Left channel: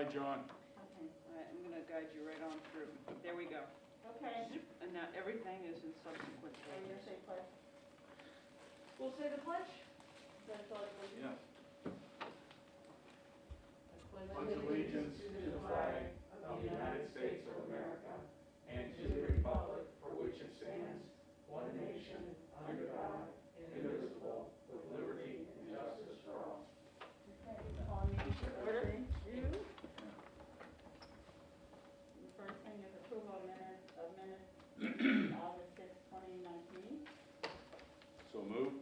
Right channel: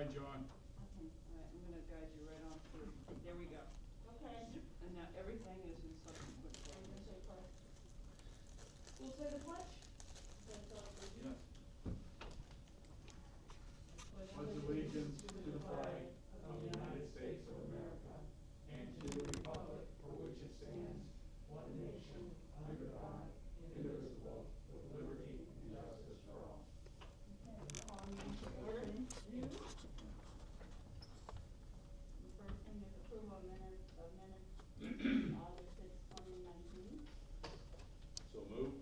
Hi, John. Okay, All right, I'm gonna guide you right on through. There we go. okay. And now everything is in subsequent Are you gonna pages. say pledge? We'll say the pledge. That's all you Yeah. Pledge allegiance to the flag of the United States of America and to the republic for which it stands, one nation, under God, indivisible, with liberty and justice for all. Okay, call meeting to order. You? The first thing is approval of minutes, August 6, 2019. So move.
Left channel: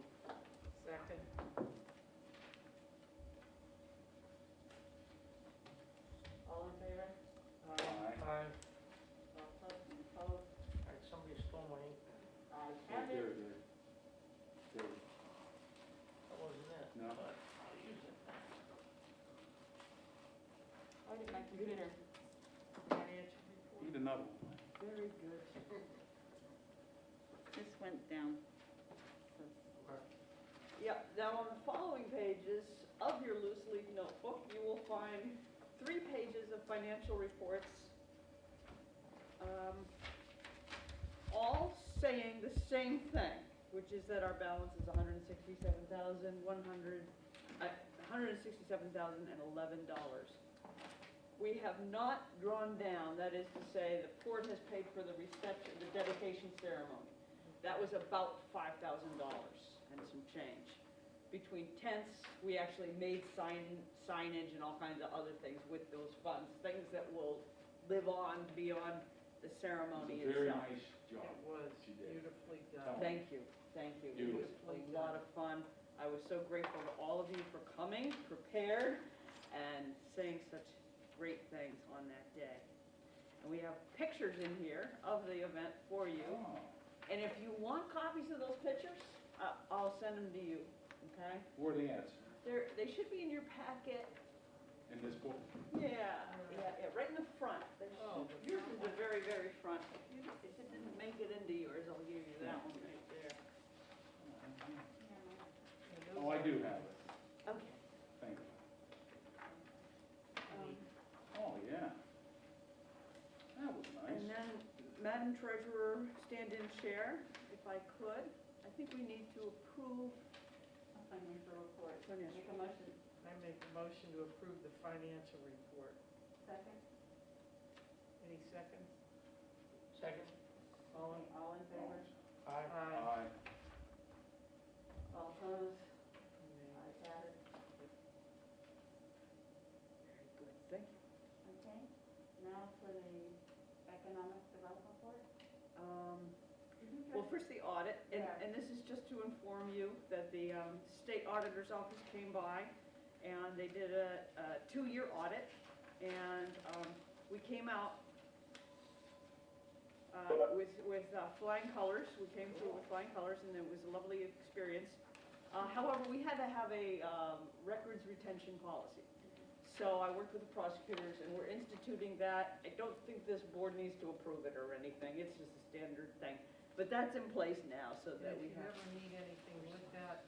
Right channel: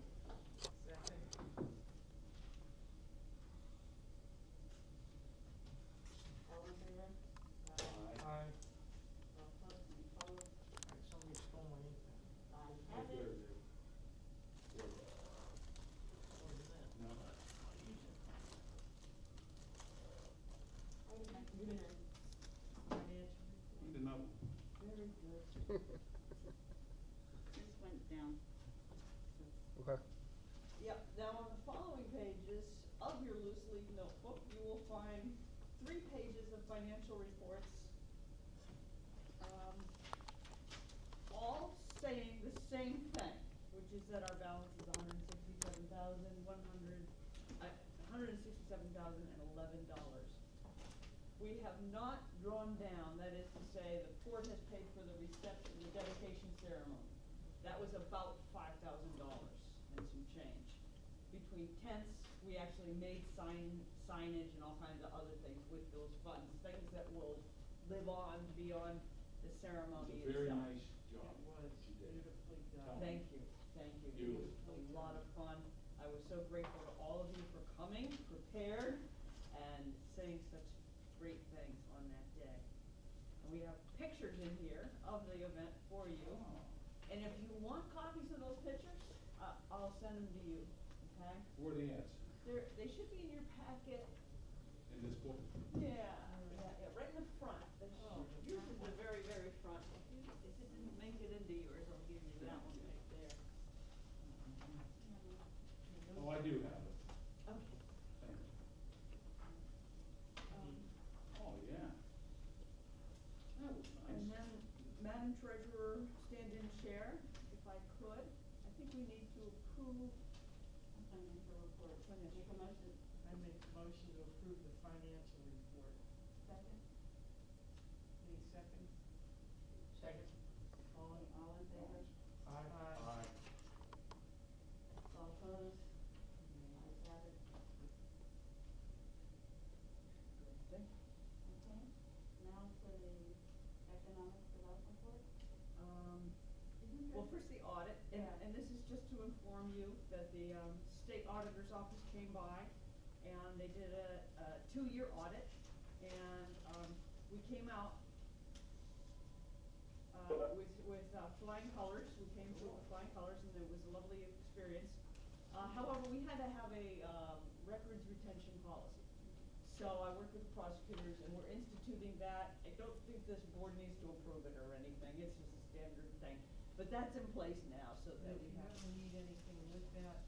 Second. All in favor? Aye. All opposed? Somebody stole my ink pen. I have There, it. there. There. That wasn't it. No. But I'll use it. I did my computer. Financial Need report. another one. Very good. This went down. Okay. Yeah, now on the following pages of your loose leaf notebook, you will find 3 pages of financial reports, all saying the same thing, which is that our balance is $167,011. We have not drawn down, that is to say, the port has paid for the reception, the dedication ceremony. That was about $5,000 and some change. Between tents, we actually made signage and all kinds of other things with those funds, things that will live on beyond the ceremony It's a itself. very nice job. It was she did. beautifully done. Thank you, thank you. It was Beautiful. a lot of fun. I was so grateful to all of you for coming, prepared, and saying such great things on that day. And we have pictures in here of the event for you. Oh. And if you want copies of those pictures, I'll send them to you, okay? Where are they at? They should be in your packet. In this book? Yeah, right in the front. Oh, the Yours front is the one. very, very front. If it didn't make it into yours, I'll give you that one right there. Oh, I do have it. Okay. Thank you. Um, Oh, yeah. That was And nice. then, Madam Treasurer, stand-in chair, if I could. I think we need to approve. Financial report. Financial. Make a motion. I make a motion to approve the financial report. Second. Any seconds? Second. All in? All in favor? Aye. Aye. All opposed? Nay. Ayes have it. Good, thank you. Okay, now for the economic development report. Well, first the audit, Yeah. and this is just to inform you that the state auditor's office came by and they did a 2-year audit, and we came out with flying colors. We came through with flying colors, and it was a lovely experience. However, we had to have a records retention policy. So I worked with the prosecutors, and we're instituting that. I don't think this board needs to approve it or anything. It's just a standard thing. But that's in place now, so And that if we you have. ever need anything with that,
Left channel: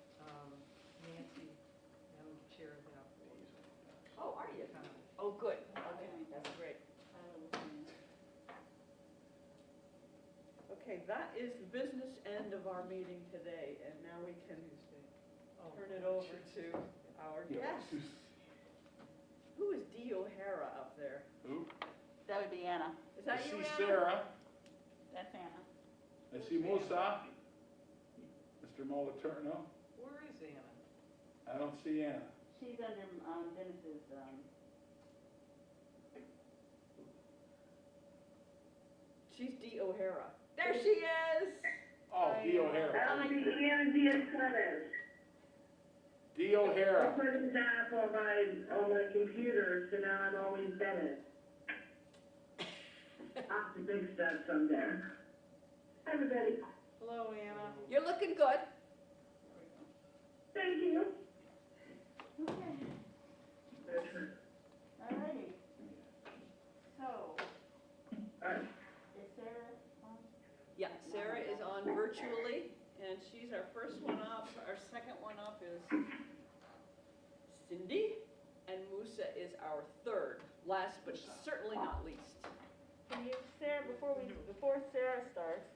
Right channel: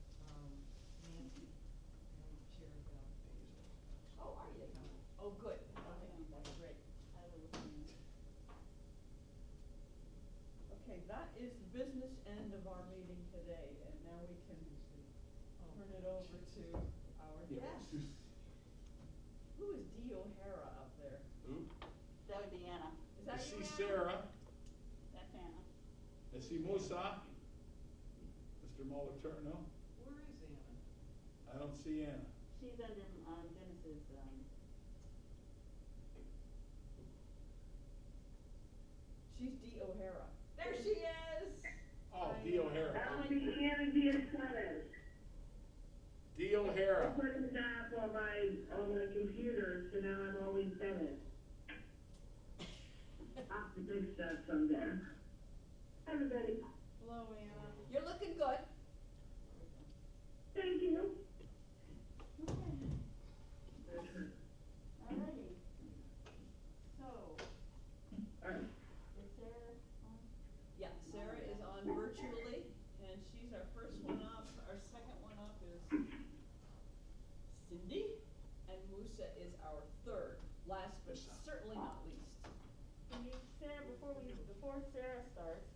Nancy, Madam Chair, is out for you. Oh, are you? Oh, good. Okay, that's great. I will listen. Okay, that is the business end of our meeting today, and now we can Tuesday. Oh, turn it over to our guest. Who is Dee O'Hara up there? Who? That would be Anna. Is I that you, see Anna? Sarah. That's Anna. I see Musa. Mr. Moliterno. Where is Anna? I don't see Anna. She's under Dennis's, She's Dee O'Hara. There she is! Oh, Dee O'Hara. I'll be Anna Diaz-Chavez. Dee I O'Hara. put this app on my computer, so now I'm always Bennett. I'll have to fix that someday. Hi, everybody. Hello, Anna. You're looking good. Thank you. okay, alrighty. So, All right. is Sarah on? Yeah, Sarah is on virtually, and she's our first one up. Our second one up is Cindy, and Musa is our third. last but certainly not least. Can you, Sarah, before Sarah starts,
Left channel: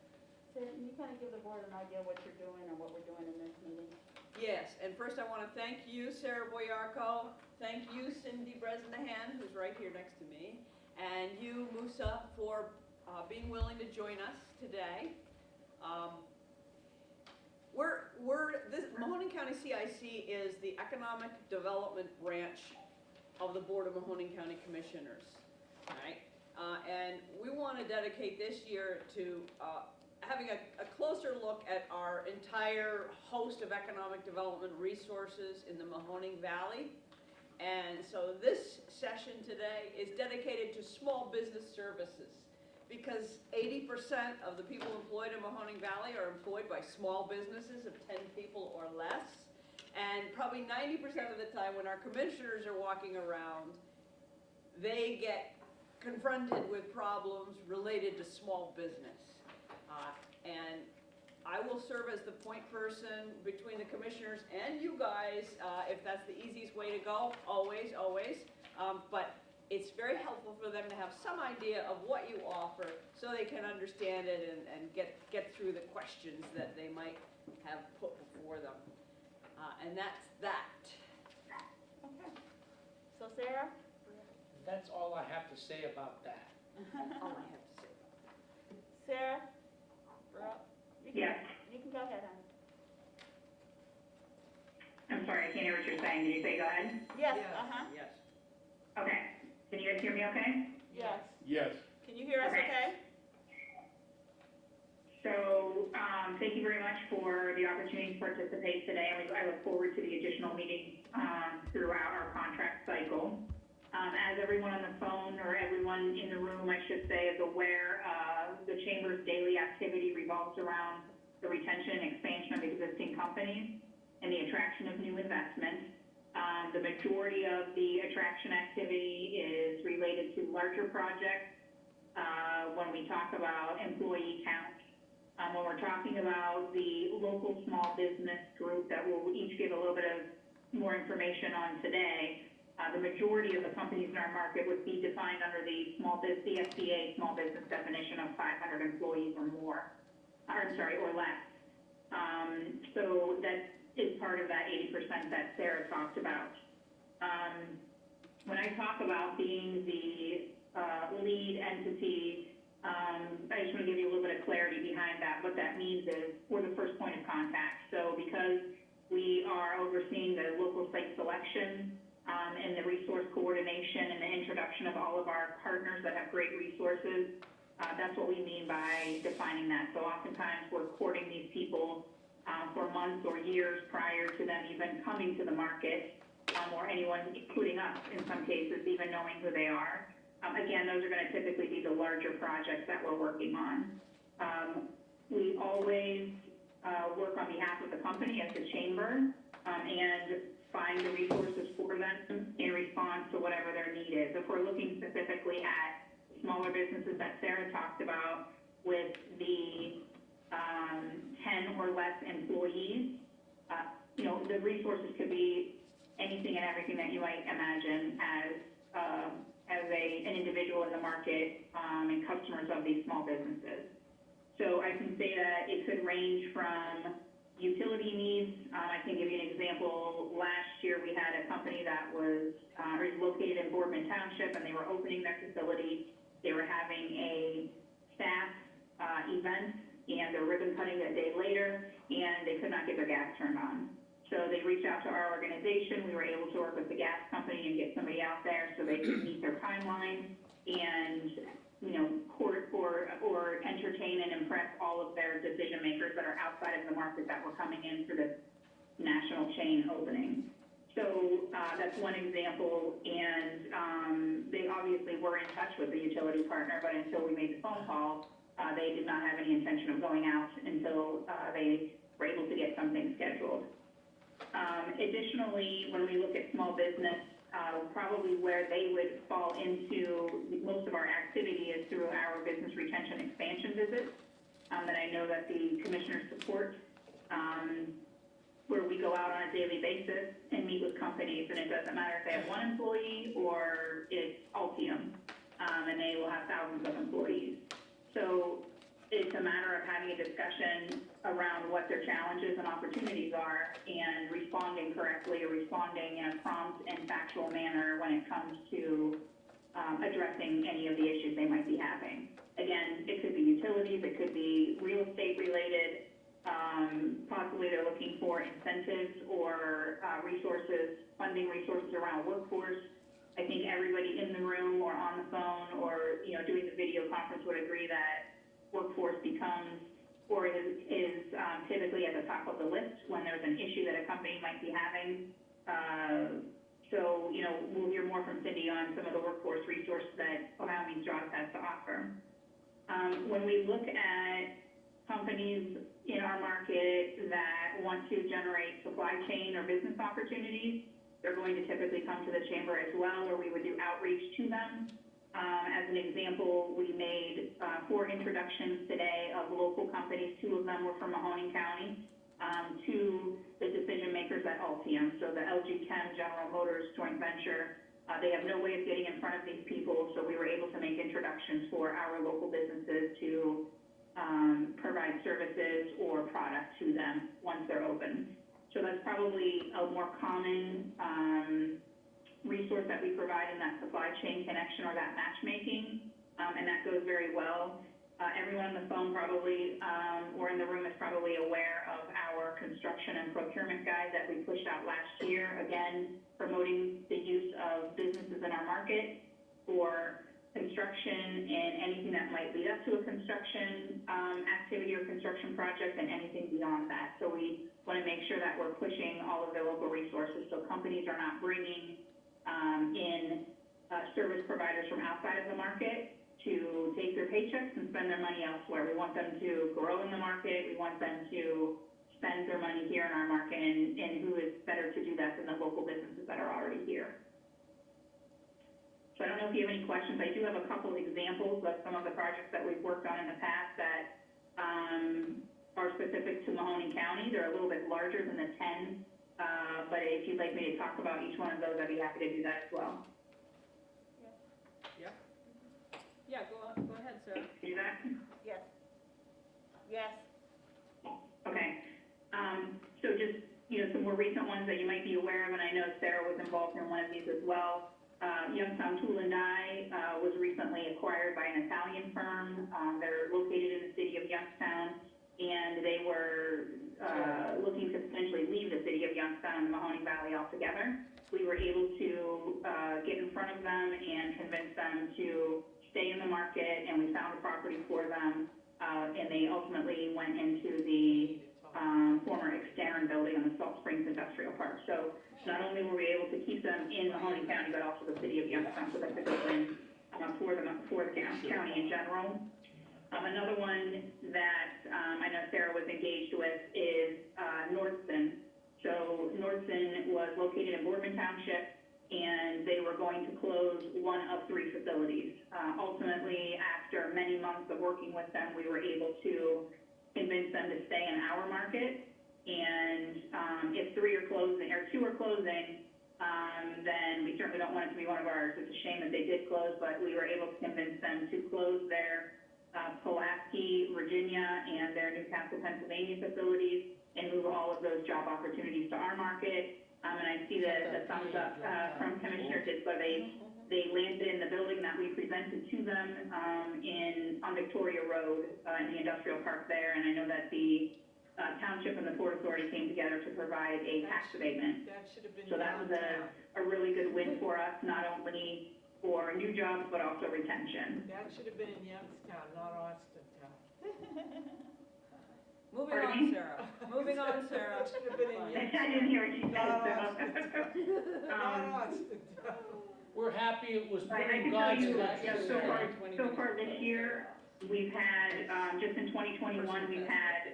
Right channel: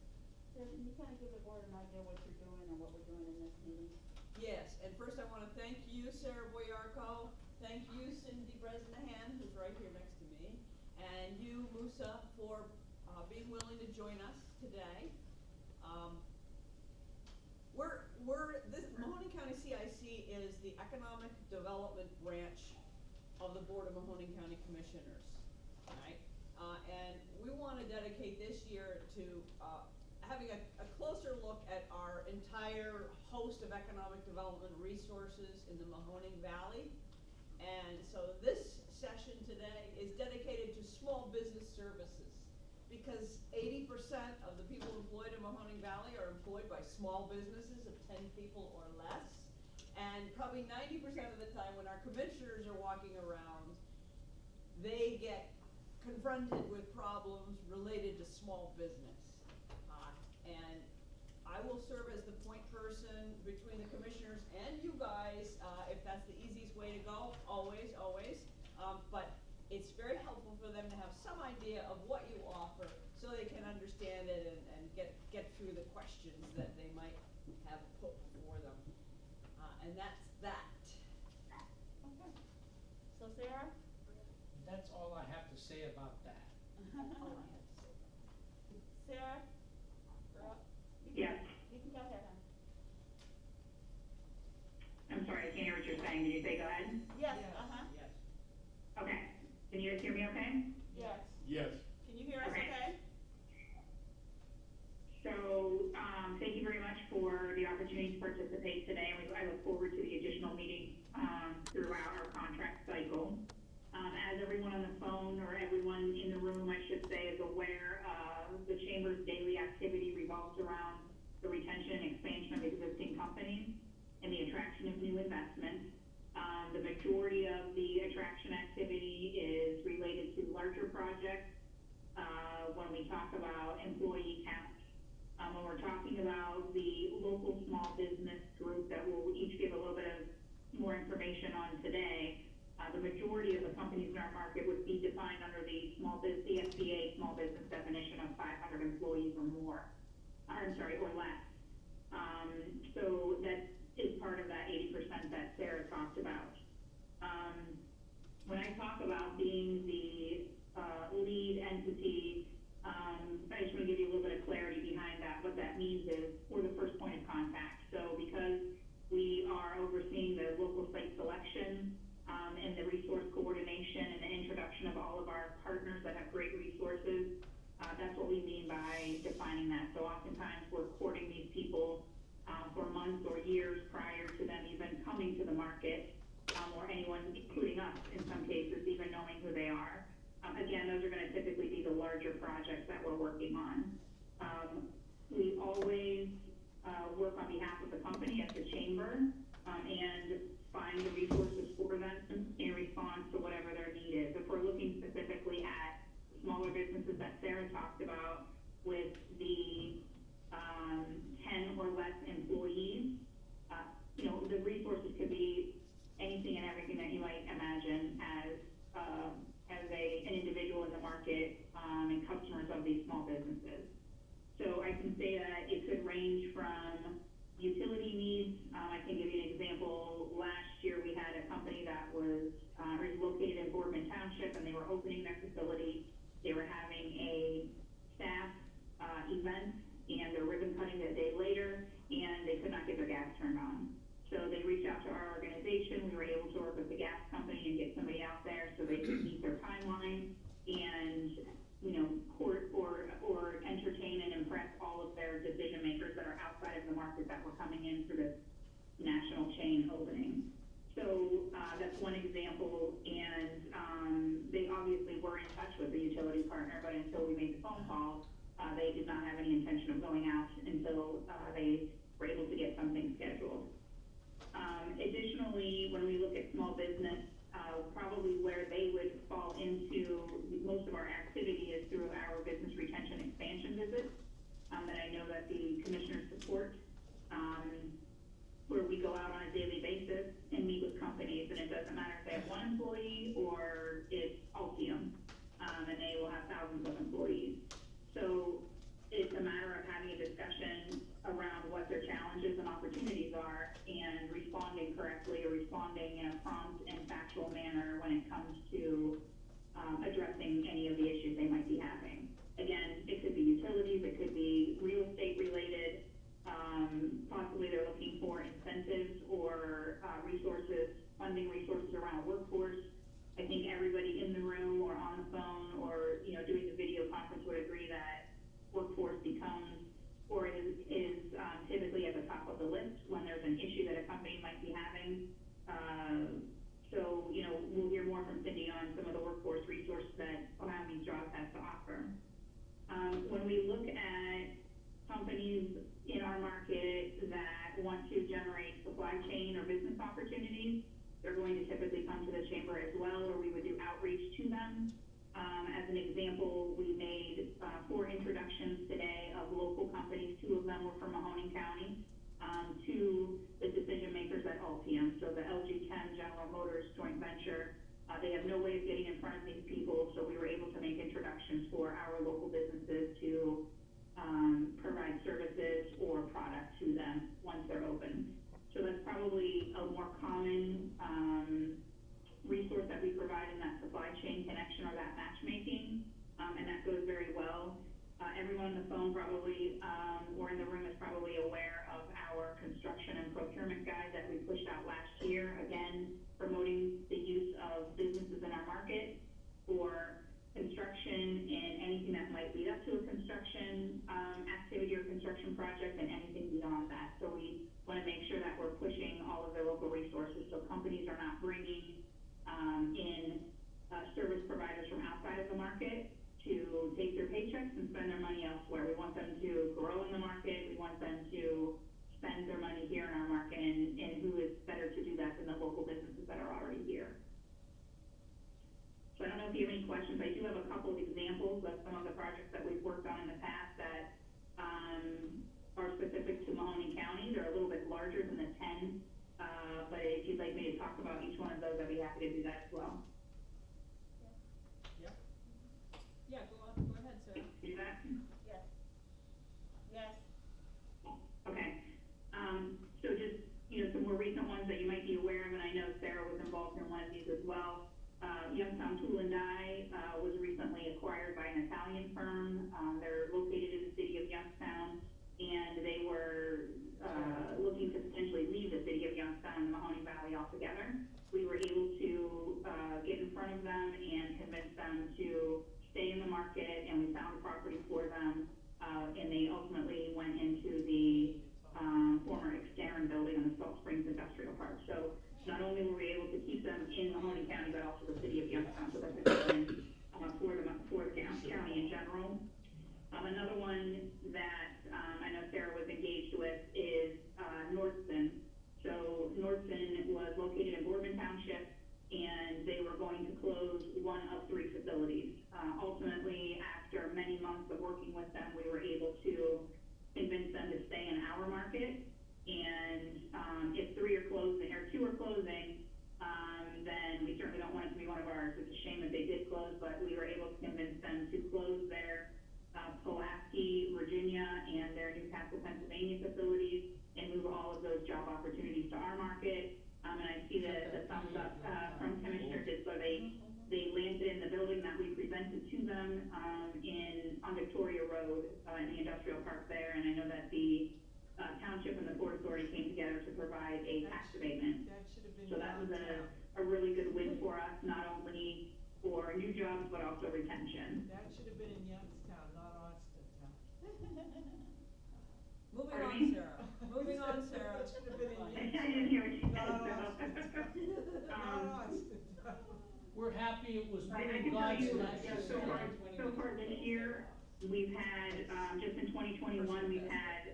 Sarah, can you kind of give the board an idea of what you're doing and what we're doing in this meeting? Yes, and first I want to thank you, Sarah Boyarko, thank you, Cindy Bresnahan, who's right here next to me, and you, Musa, for being willing to join us today. Mahoning County CIC is the Economic Development Branch of the Board of Mahoning County Commissioners, right? And we want to dedicate this year to having a closer look at our entire host of economic development resources in the Mahoning Valley. And so this session today is dedicated to small business services, because 80% of the people employed in Mahoning Valley are employed by small businesses of 10 people or less. And probably 90% of the time when our commissioners are walking around, they get confronted with problems related to small business. And I will serve as the point person between the commissioners and you guys, if that's the easiest way to go, always. But it's very helpful for them to have some idea of what you offer so they can understand it and get through the questions that they might have put before them. And that's that. Okay. So Sarah? That's all I have to say about that. All I have to say about that. Sarah? We're up. Yes. You can go ahead, honey. I'm sorry, I can't hear what you're saying. Did you say go ahead? Yes, Yes. Okay. Can you guys hear me okay? yes. Yes. Can you hear us Okay. okay? So, thank you very much for the opportunity to participate today, and I look forward to the additional meetings throughout our contract cycle. As everyone on the phone, or everyone in the room, I should say, is aware, the Chamber's daily activity revolves around the retention and expansion of existing companies and the attraction of new investment. The majority of the attraction activity is related to larger projects. When we talk about employee count, when we're talking about the local small business group that we'll each give a little bit of more information on today, the majority of the companies in our market would be defined under the SBA small business definition of 500 employees or more, or less. So that is part of that 80% that Sarah talked about. When I talk about being the lead entity, I just want to give you a little bit of clarity behind that. What that means is we're the first point of contact. So because we are overseeing the local site selection and the resource coordination and the introduction of all of our partners that have great resources, that's what we mean by defining that. So oftentimes we're courting these people for months or years prior to them even coming to the market, or anyone, including us in some cases, even knowing who they are. Again, those are going to typically be the larger projects that we're working on. We always work on behalf of the company as the chamber and find the resources for them in response to whatever their need is. If we're looking specifically at smaller businesses that Sarah talked about with the 10 or less employees, the resources could be anything and everything that you might imagine as an individual in the market and customers of these small businesses. So I can say that it could range from utility needs. I can give you an example. Last year we had a company that was located in Boardman Township, and they were opening their facility. They were having a staff event and their ribbon cutting a day later, and they could not get their gas turned on. So they reached out to our organization. We were able to work with the gas company and get somebody out there so they could meet their timeline and, court or entertain and impress all of their decision makers that are outside of the market that were coming in for this national chain opening. So that's one example, and they obviously were in touch with the utility partner, but until we made the phone call, they did not have any intention of going out until they were able to get something scheduled. Additionally, when we look at small business, probably where they would fall into most of our activity is through our business retention expansion visits that I know that the commissioners support, where we go out on a daily basis and meet with with companies, and it doesn't matter if they have one employee or it's Altium, and they will have thousands of employees. So it's a matter of having a discussion around what their challenges and opportunities are and responding correctly or responding in a prompt and factual manner when it comes to addressing any of the issues they might be having. Again, it could be utilities, it could be real estate related, possibly they're looking for incentives or resources, funding resources around workforce. I think everybody in the room or on the phone or, you know, doing the video conference would agree that workforce becomes or is typically at the top of the list when there's an issue that a company might be having. So, you know, we'll hear more from Cindy on some of the workforce resources that Ohio Means Jobs has to offer. When we look at companies in our market that want to generate supply chain or business opportunities, they're going to typically come to the chamber as well, where we would do outreach to them. As an example, we made 4 introductions today of local companies. 2 of them were from Mahoning County, to the decision makers at Altium. So the LG Chem General Motors joint venture, they have no way of getting in front of these people, so we were able to make introductions for our local businesses to provide services or product to them once they're open. So that's probably a more common resource that we provide in that supply chain connection or that matchmaking, and that goes very well. Everyone on the phone probably, or in the room is probably aware of our construction and procurement guide that we pushed out last year, again, promoting the use of businesses in our market for construction and anything that might lead up to a construction activity or construction project and anything beyond that. So we want to make sure that we're pushing all of the local resources so companies are not bringing in service providers from outside of the market to take their paychecks and spend their money elsewhere. We want them to grow in the market. We want them to spend their money here in our market, and who is better to do that than the local businesses that are already here. So I don't know if you have any questions. I do have a couple examples of some of the projects that we've worked on in the past that are specific to Mahoning County. They're a little bit larger than the 10, but if you'd like me to talk about each one of those, I'd be happy to do that as well. Yeah, go ahead, Sarah. Can you do that? Yes. Yes. Okay. So just, you know, some more recent ones that you might be aware of, and I know Sarah was involved in one of these as well. Youngstown Tool and Die was recently acquired by an Italian firm. They're located in the city of Youngstown, and they were looking to potentially leave the city of Youngstown and the Mahoning Valley altogether. We were able to get in front of them and convince them to stay in the market, and we found a property for them, and they ultimately went into the former Exterran building in the Salt Springs Industrial Park. So not only were we able to keep them in Mahoning County, but also the city of Youngstown, so that's a good win for the county in general. Another one that I know Sarah was engaged with is Nordson. So Nordson was located in Boardman Township, and they were going to close 1 of 3 facilities. Ultimately, after many months of working with them, we were able to convince them to stay in our market. And if 3 are closing or 2 are closing, then we certainly don't want it to be one of ours. It's a shame that they did close, but we were able to convince them to close their Pulaski, Virginia, and their Newcastle, Pennsylvania facilities and move all of those job opportunities to our market. And I see the thumbs up from Commissioner Ditzler. They landed in the building that we presented to them on Victoria Road in the industrial park there. And I know that the township and the Port Authority came together to provide a tax abatement. That should have been. So that was a really good win for us, not only for new jobs, but also retention. That should have been in Youngstown, not Austintown. Moving Pardon on, me? Sarah. Moving on, Sarah. That should have been in Youngstown. I didn't hear what you said, Not so. Austintown. Not Austintown. We're happy it was put I in can tell God's you, direction. so far this year, we've had, just in 2021, we've had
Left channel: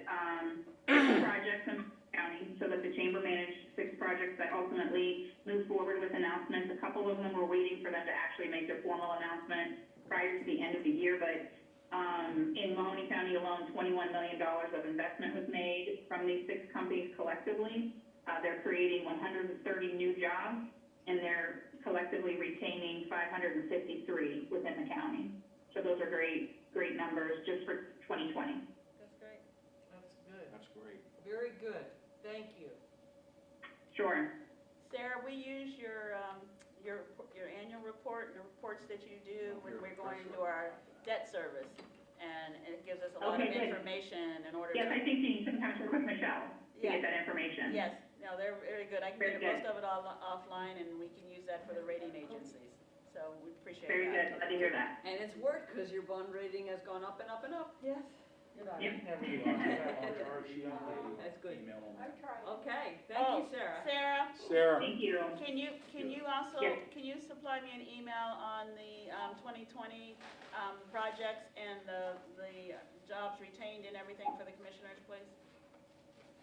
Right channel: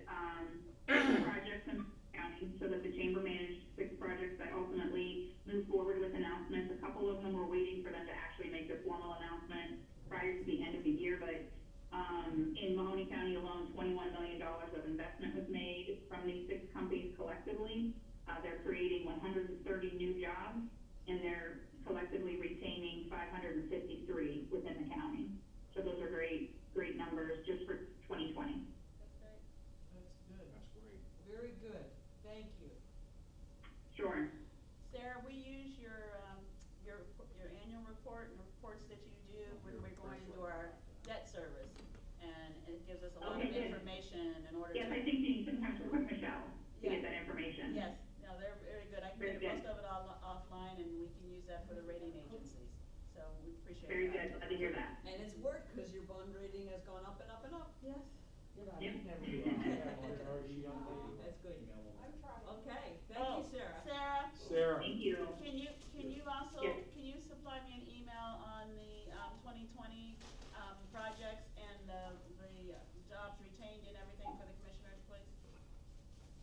6 projects in county, so that the chamber managed 6 projects that ultimately moved forward with announcements. A couple of them were waiting for them to actually make their formal announcement prior to the end of the year, but in Mahoning County alone, $21 million of investment was made from these 6 companies collectively. They're creating 130 new new jobs, and they're collectively retaining 553 within the county. So those are great, great numbers just for 2020. That's great. That's good. That's great. Very good. Thank you. Sure. Sarah, we use your annual report and the reports that you do when we're going into our debt service. And it gives us a lot of Okay, good. information in order to. Yes, I think you can sometimes work with Michelle to Yeah. get that information. Yes, no, they're very good. I can Very get most good. of it all offline and we can use that for the rating agencies. So we appreciate that. Very good, glad to hear that. And it's worked, cause your bond rating has gone up and up and up. Yes. You're not Yep. Never you are. Or she don't get you. That's good. Email them. Okay, thank you, Sarah. Sarah, Sarah, Thank you. can you also, Yes. can you supply me an email on the, 2020, projects and the jobs retained and everything for the commissioners, please?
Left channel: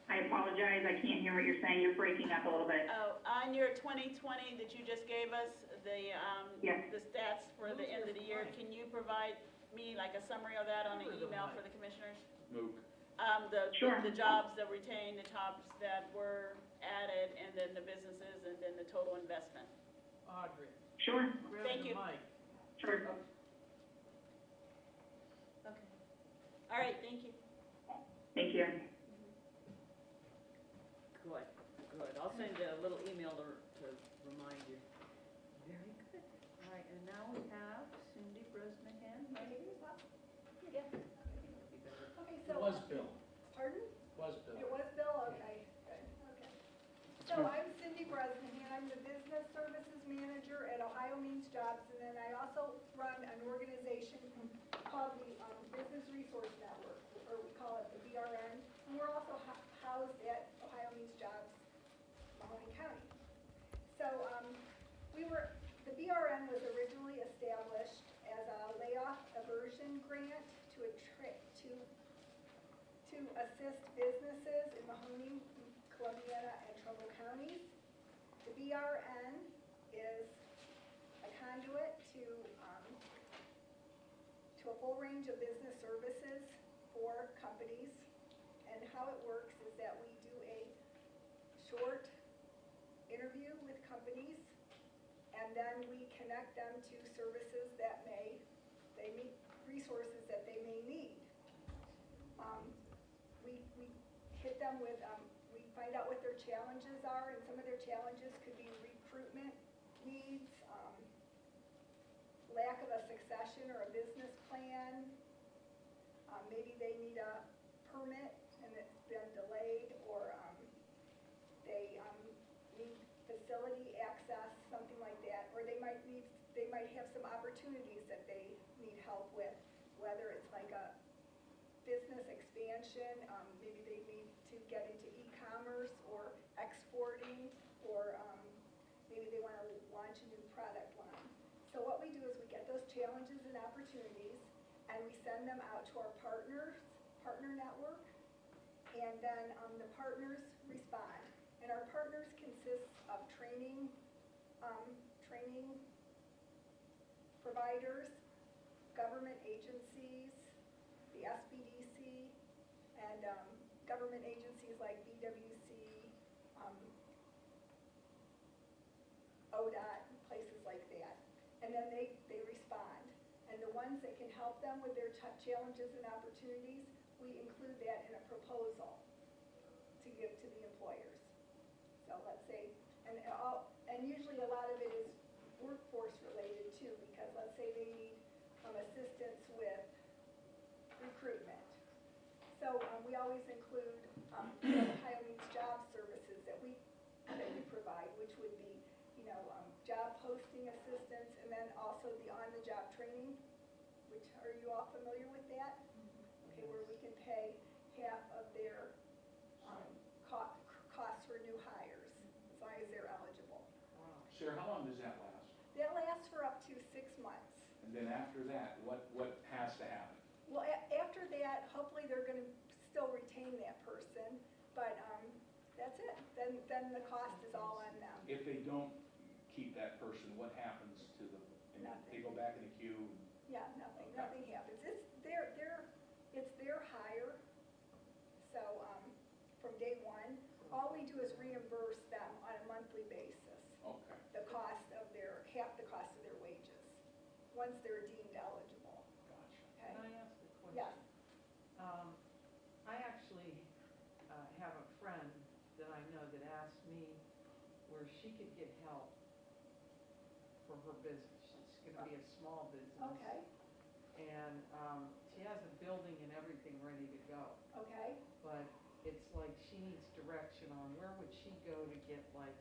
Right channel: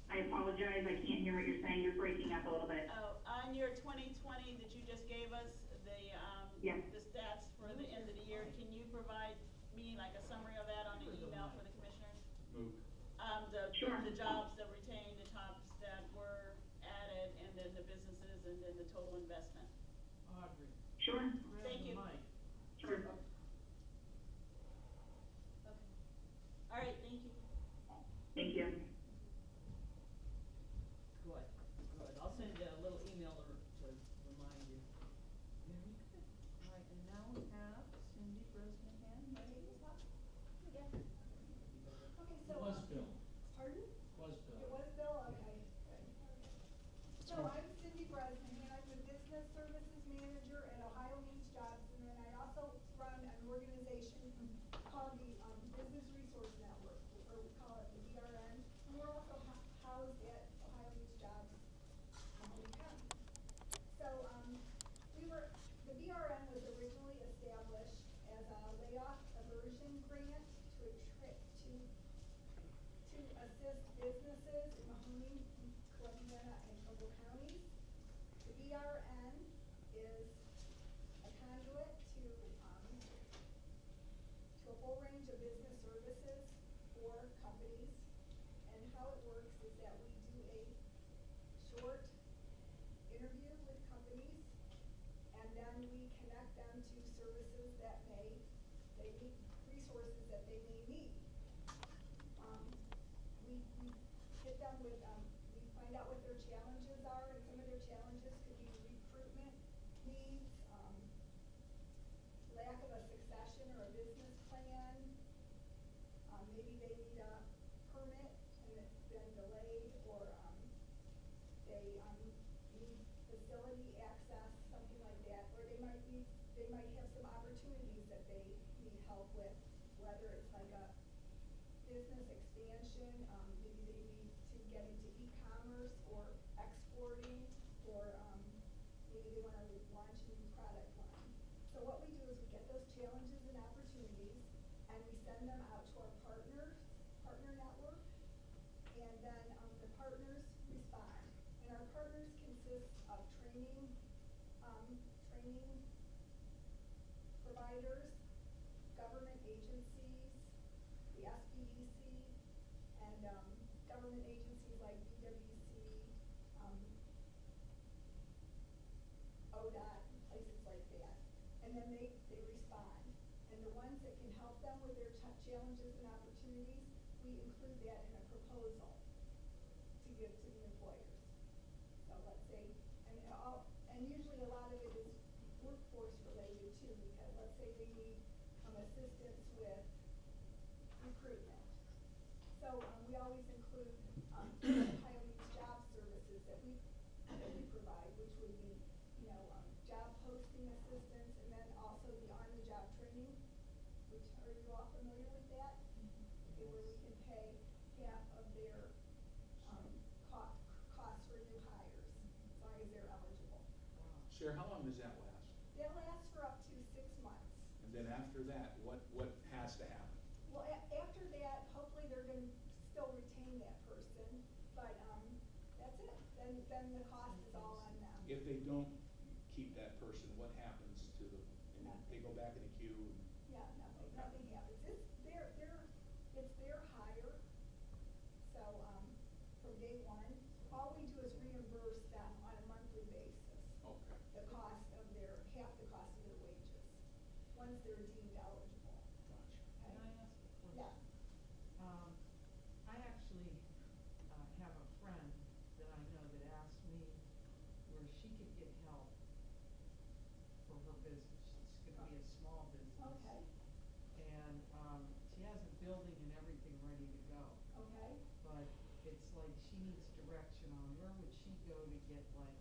I apologize, I can't hear what you're saying, you're breaking up a little bit. Oh, on your 2020 that you just gave us, Yes. the stats for the end of the year, can you provide me like a summary of that on the Over the email mic. for the commissioners? Mook. Sure. The jobs that retained, the jobs that were added, and then the businesses, and then the total investment. Audrey, Sure, grab Thank the you. mic. sure. Okay. All right, thank you. Thank you. Good, good. I'll send you a little email to remind you. Very good. All right, and now we have Cindy Bresnahan, right? Yeah. You better- It Okay, so, was Bill, pardon? was Bill. It was Bill, okay, good, okay. So I'm Cindy Bresnahan, I'm the Business Services Manager at Ohio Means Jobs, and then I also run an organization called the Business Resource Network, or we call it the BRN, and we're also housed at Ohio Means Jobs, Mahoney County. So, the BRN was originally established as a layoff aversion grant to assist businesses in Mahoney, Columbiana, and Trumbull counties. The BRN is a conduit to a full range of business services for companies. And how it works is that we do a short interview with companies, and then we connect them to services that they meet resources that they may need. We hit them with, we find out what their challenges are, and some of their challenges could be recruitment needs, lack of a succession or a business plan. Maybe they need a permit and it's been delayed, or they need facility access, something like that, or they might have some opportunities that they need help with, whether it's like a business expansion, maybe they need to get into e-commerce or exporting, or maybe they wanna launch a new product line. So what we do is we get those challenges and opportunities, and we send them out to our partner network, and then the partners respond. And our partners consist of training providers, government agencies, the SBDC, and government agencies like BWC, ODOT, places like that. And then they respond. And the ones that can help them with their challenges and opportunities, we include that in a proposal to give to the employers. So let's say, and usually a lot of it is workforce related too, because let's say they need assistance with recruitment. So we always include Ohio Means Job services that we provide, which would be, job posting assistance, and then also the on-the-job training, which, are you all familiar with that? Okay, where we can pay half of their costs for new hires, as long as they're eligible. Sarah, how long does that last? That lasts for up to 6 months. And then after that, what has to happen? Well, after that, hopefully they're gonna still retain that person, but, that's it. Then the cost is all on them. If they don't keep that person, what happens to them? And they go back in the queue? Yeah, nothing happens. It's their hire. So, from day one, all we do is reimburse them on a monthly basis. once they're deemed eligible, Gotcha. okay? Can I ask a question? Yes. I actually, have a friend that I know that asked me where she could get help for her business. It's gonna be a small business. Okay, And, she has a building and everything ready to go, okay. but it's like she needs direction on where would she go to get like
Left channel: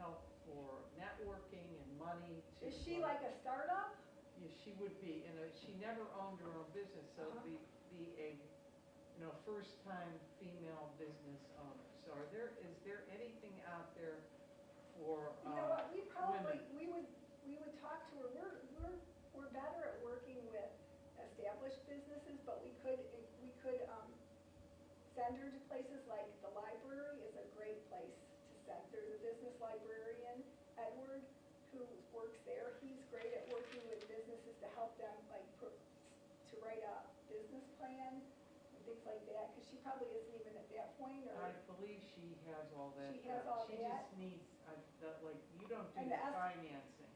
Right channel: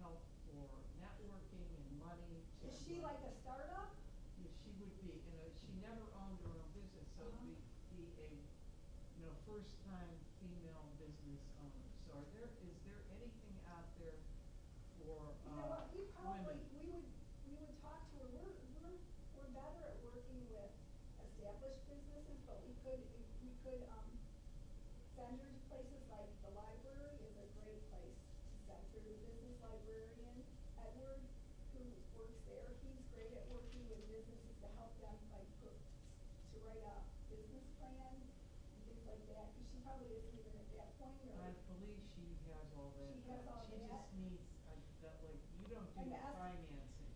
help for networking and money to. Is she like a startup? Yeah, she would be, and she never owned her own business, so Uh-huh. be a, first time female business owner. So is there anything out there for, You know what, we probably, women? we would talk to her, we're better at working with established businesses, but we could, send her to places like the library is a great place to send. There's a business librarian, Edward, who works there. He's great at working with businesses to help them, like, to write a business plan and things like that, cause she probably isn't even at that point, or. I believe she has all that. She has all She that? just needs, like, you don't do And the financing.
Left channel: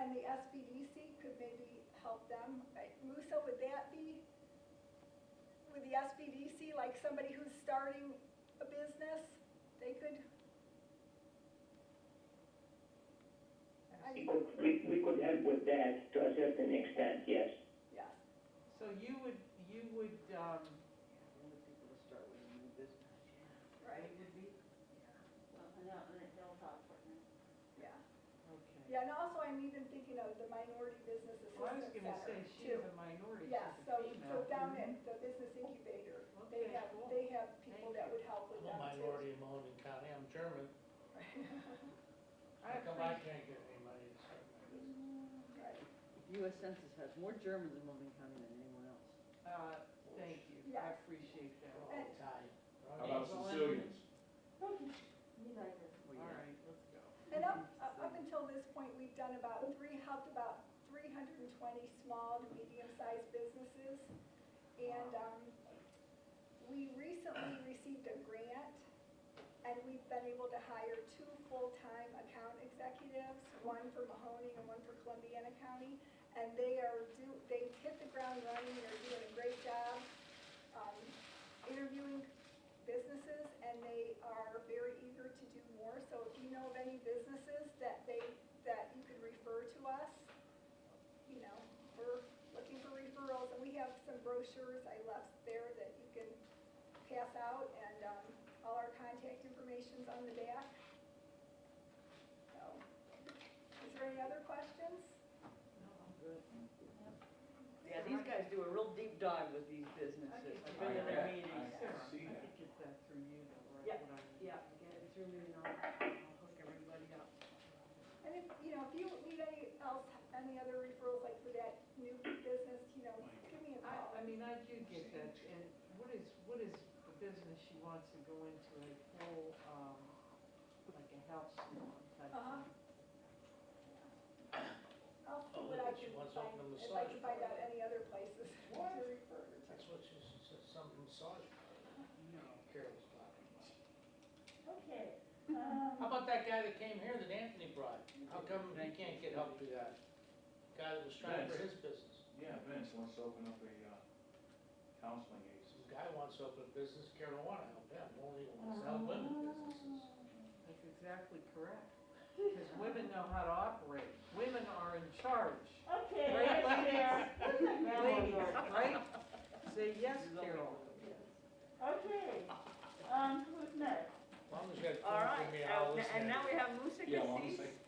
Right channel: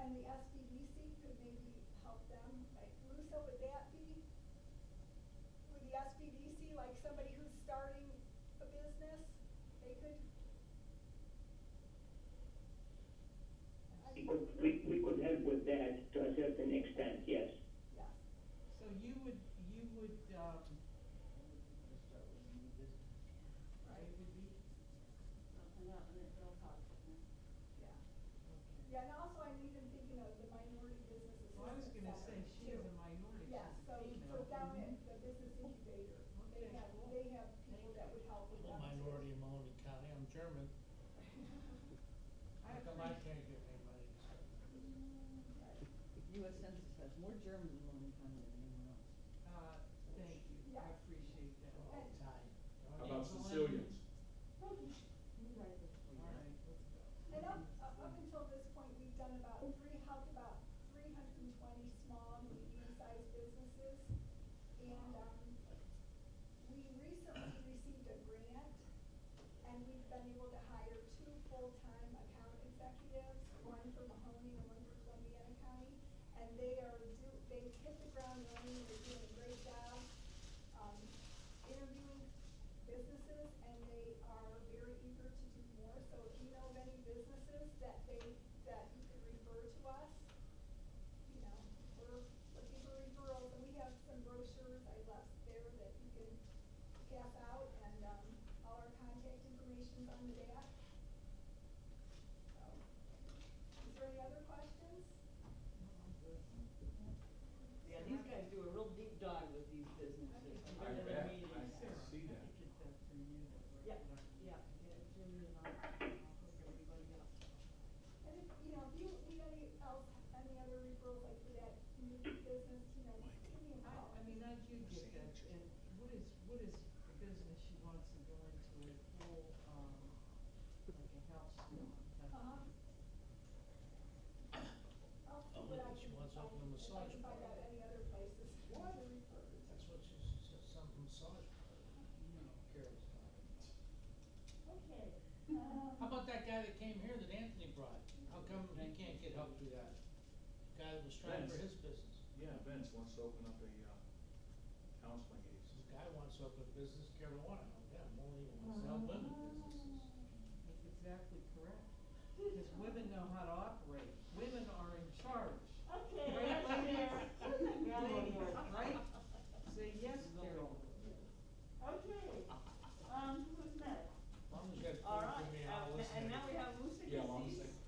And the SBDC could maybe help them. Musa, would the SBDC, like somebody who's starting a business, they could? We could help with that to a certain extent, yes. Yes, So you would, the only people to start with a new business, right, they would be? Well, and they'll talk for him. yeah. Okay. Yeah, and also I'm even thinking of the Minority Business Well, I was Assistance gonna say, Center, she too. is a minority, Yeah, she's so a female. down at the Business Incubator, Okay, cool. they have people Thank that you. would help with I'm them a too. minority in Mahoney County, I'm German. I How come I appreciate, can't get any money to start my business? Right, US Census has more Germans in Wilmington County than anyone else. Thank you, I Yes. appreciate that. They're all Italian. How about Sicilians? All right, let's go. and up until this point, we've done helped about 320 small to medium-sized businesses. And, we recently received a grant, and we've been able to hire 2 full-time account executives, one for Mahoning and one for Columbiana County. And they hit the ground running, they're doing a great job, interviewing businesses, and they are very eager to do more. So if you know of any businesses that you could refer to us, we're looking for referrals, and we have some brochures I left there that you can pass out, and, all our contact information's on the back. So, is there any other questions? No, I'm good. Yeah, these guys do a real deep dive with these businesses. I've been to their meetings. Sarah, see I that. could get that through you though, right? Yep, What I need. yeah, get it through me and I'll hook everybody up. And if you need any other referrals, like for that new business, give me a call. I mean, I do get that, and what is the business she wants to go into a full, like a health salon type Uh-huh. thing? I'll see Oh, what I she can wants find, open a if I can massage find out parlor. any other places to What? refer her to. That's what she said, some massage parlor. No. Carol's talking about. Okay, How about that guy that came here that Anthony brought? How come he can't get help through that? Guy that was trying for his business. Yeah, Vince wants to open up a, counseling agency. This guy wants to open a business, Carol don't wanna help him, only wants to help women businesses. That's exactly correct, because women know how to operate, women are in charge. Okay, Right, let's ladies? hear. Ladies, right? Say yes, Carol. Okay, who's next? As long as you guys All right, give me all this. and now we have Musa Yeah, one Cassis, second.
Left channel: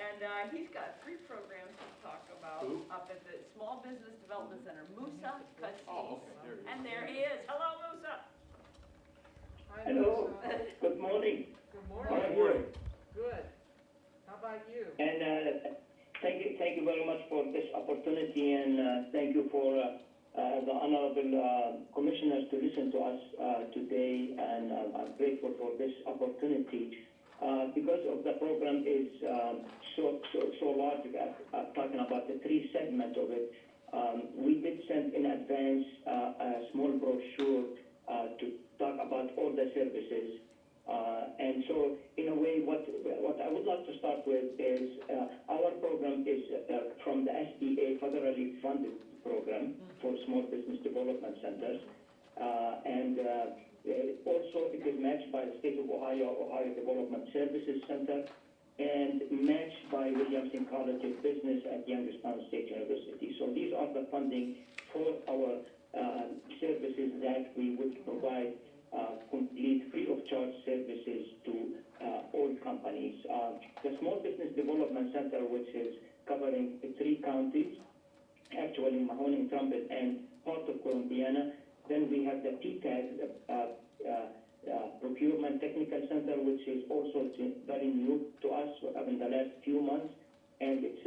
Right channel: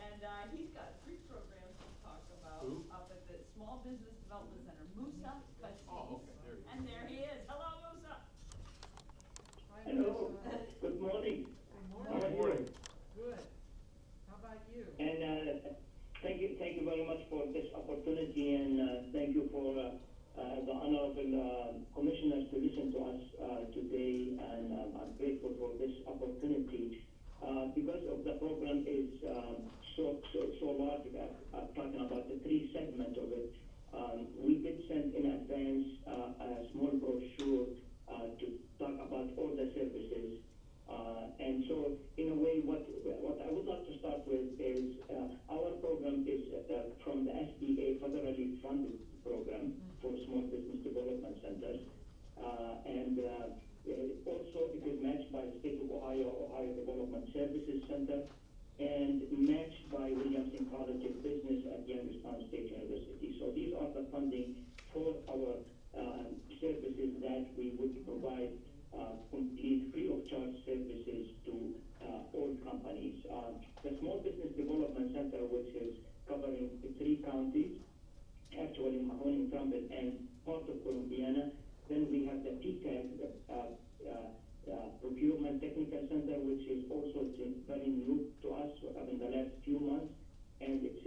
and, he's got 3 programs to talk about Who? up at the Small Business Development Center, Musa Cassis. Oh, okay, there you go. And there he is. Hello, Musa. Hi, Hello, Lisa. good morning. Good How are morning. you? Good. How about you? And thank you very much for this opportunity, and thank you for the honorable commissioners to listen to us today, and I'm grateful for this opportunity. Because of the program is so large, talking about the 3 segments of it, we did send in advance a small brochure to talk about all the services. And so, in a way, what I would like to start with is our program program is from the SBA federally funded program for small business development centers. Also it is matched by the state of Ohio Development Services Center, and matched by Williamson College of Business at Youngstown State University. So these are the funding for our services that we would provide complete free of charge services to all companies. The Small Business Development Center, which is covering 3 counties, actually Mahoney, Trumpet, and part of Columbiana. Then we have the PTAG, Procurement Technical Center, which is also very new to us in the last few months, and it's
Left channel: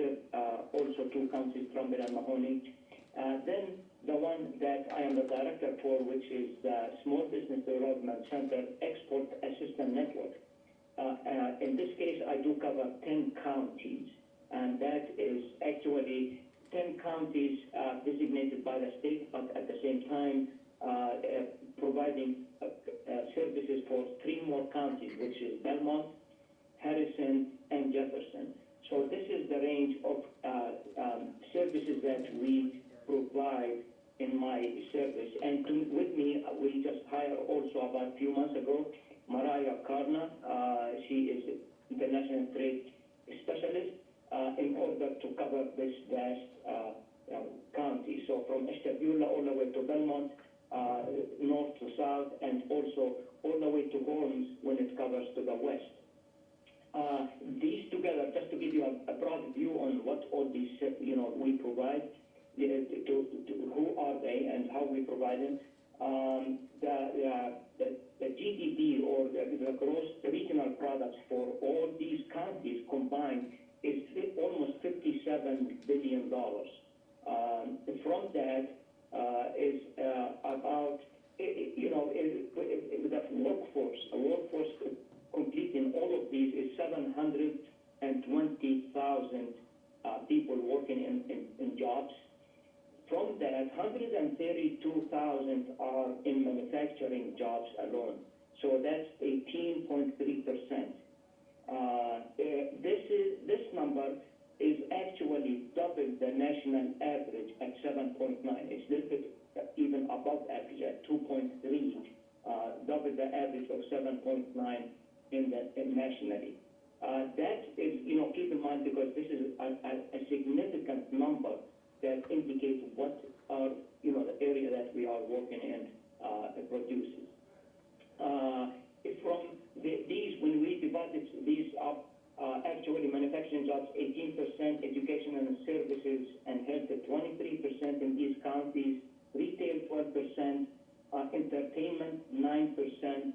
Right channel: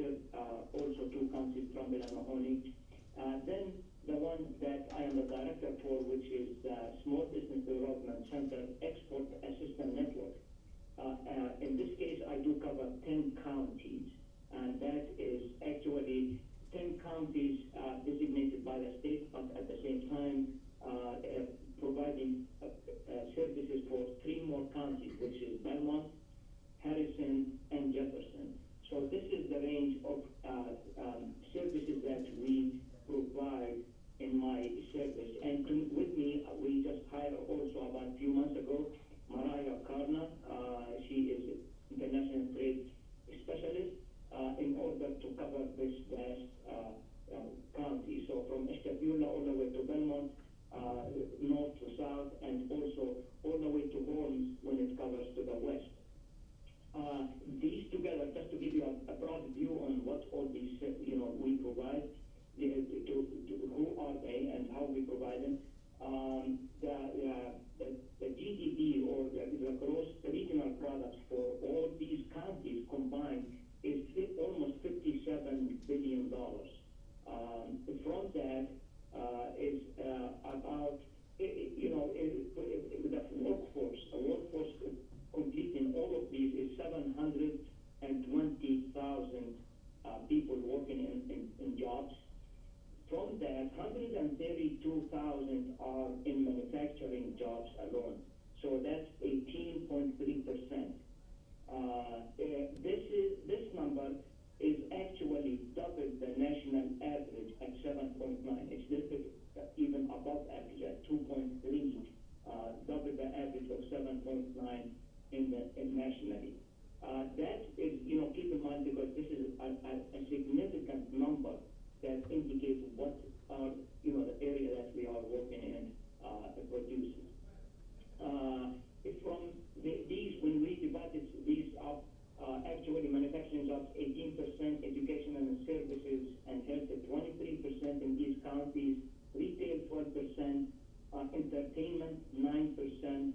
also 2 counties, Trumpet and Mahoney. Then the one that I am the director for, which is the Small Business Development Center Export Assistance Network. In this case, I do cover 10 counties, and that is actually 10 counties designated by the state, but at the same time providing services for 3 more counties, which is Belmont, Harrison, and Jefferson. So this is the range of services that we provide in my service. And with me, we just hired also about a few months ago, Mariah Karna. She is international trade specialist in order to cover this vast county. So from Ashtabula all the way to Belmont, north to south, and also all the way to Holmes when it covers to the west. These together, just to give you a broad view on what all these, we provide, who are they and how we provide them. The GDP, or the gross regional products for all these counties combined is almost $57 billion. From that is about, the workforce completing all of these is 720,000 people working in jobs. From that, 132,000 are in manufacturing jobs alone. So that's 18.3%. This number is actually double the national average at 7.9. It's a little bit even above average at 2.3, double the average of 7.9 nationally. That is, keep in mind, because this is a significant number that indicates what are, the area that we are working in produces. From these, when we divided these up, actually manufacturing jobs 18%, education and services and health at 23% in these counties, retail 12%, entertainment 9%,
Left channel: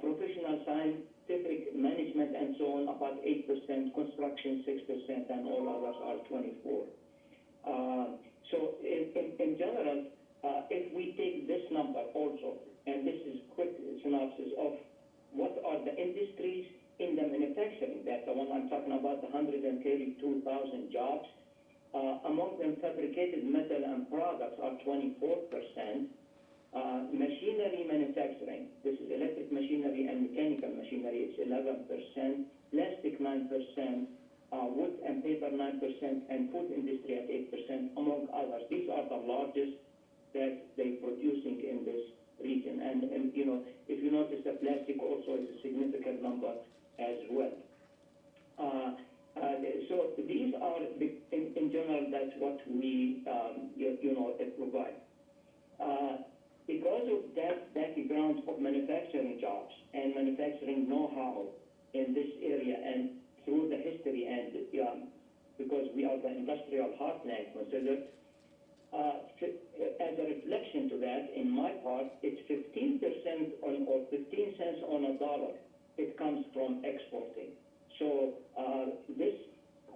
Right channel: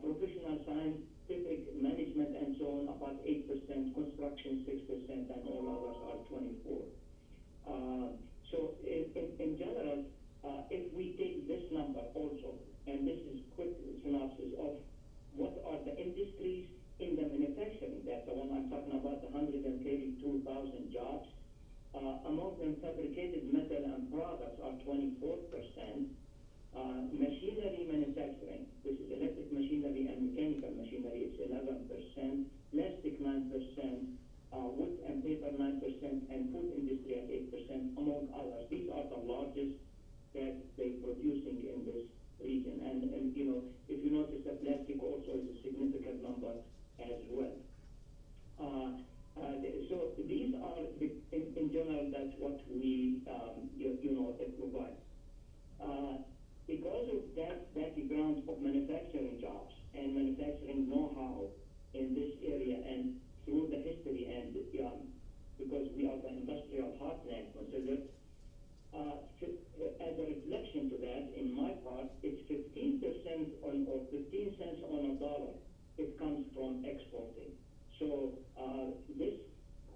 professional scientific management and so on about 8%, construction 6%, and all others are 24%. So in general, if we take this number also, and this is quick synopsis of what are the industries in the manufacturing, that's the one I'm talking about, the 132,000 jobs. Among them, fabricated metal and products are 24%. Machinery manufacturing, this is electric machinery and mechanical machinery, it's 11%. Plastic 9%. Wood and paper 9%, and food industry at 8%, among others. These are the largest that they're producing in this region. And if you notice, the plastic also is a significant number as well. So these are, in general, that's what we, provide. Because of that background of manufacturing jobs and manufacturing know-how in this area, and through the history, and because we are the industrial heartland considered, as a reflection to that, in my part, it's 15% or 15 cents on a dollar. It comes from exporting. So this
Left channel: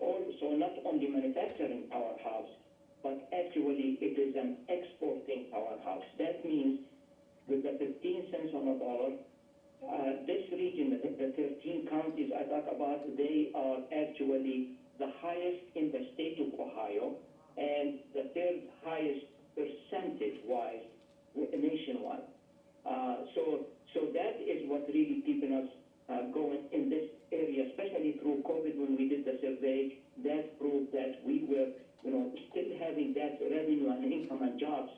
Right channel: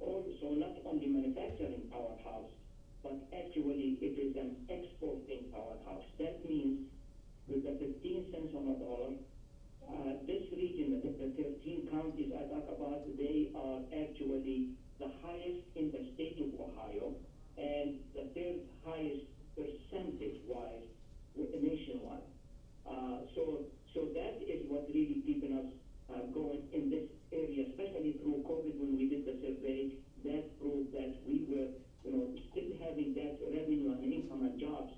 also not only manufacturing powerhouse, but actually it is an exporting powerhouse. That means with the 15 cents on a dollar, this region, the 13 counties I talk about, they are actually the highest in the state of Ohio, and the 3rd highest percentage-wise nationwide. So that is what really keeping us going in this area, especially through COVID when we did the survey. That proved that we were, still having that revenue and income and jobs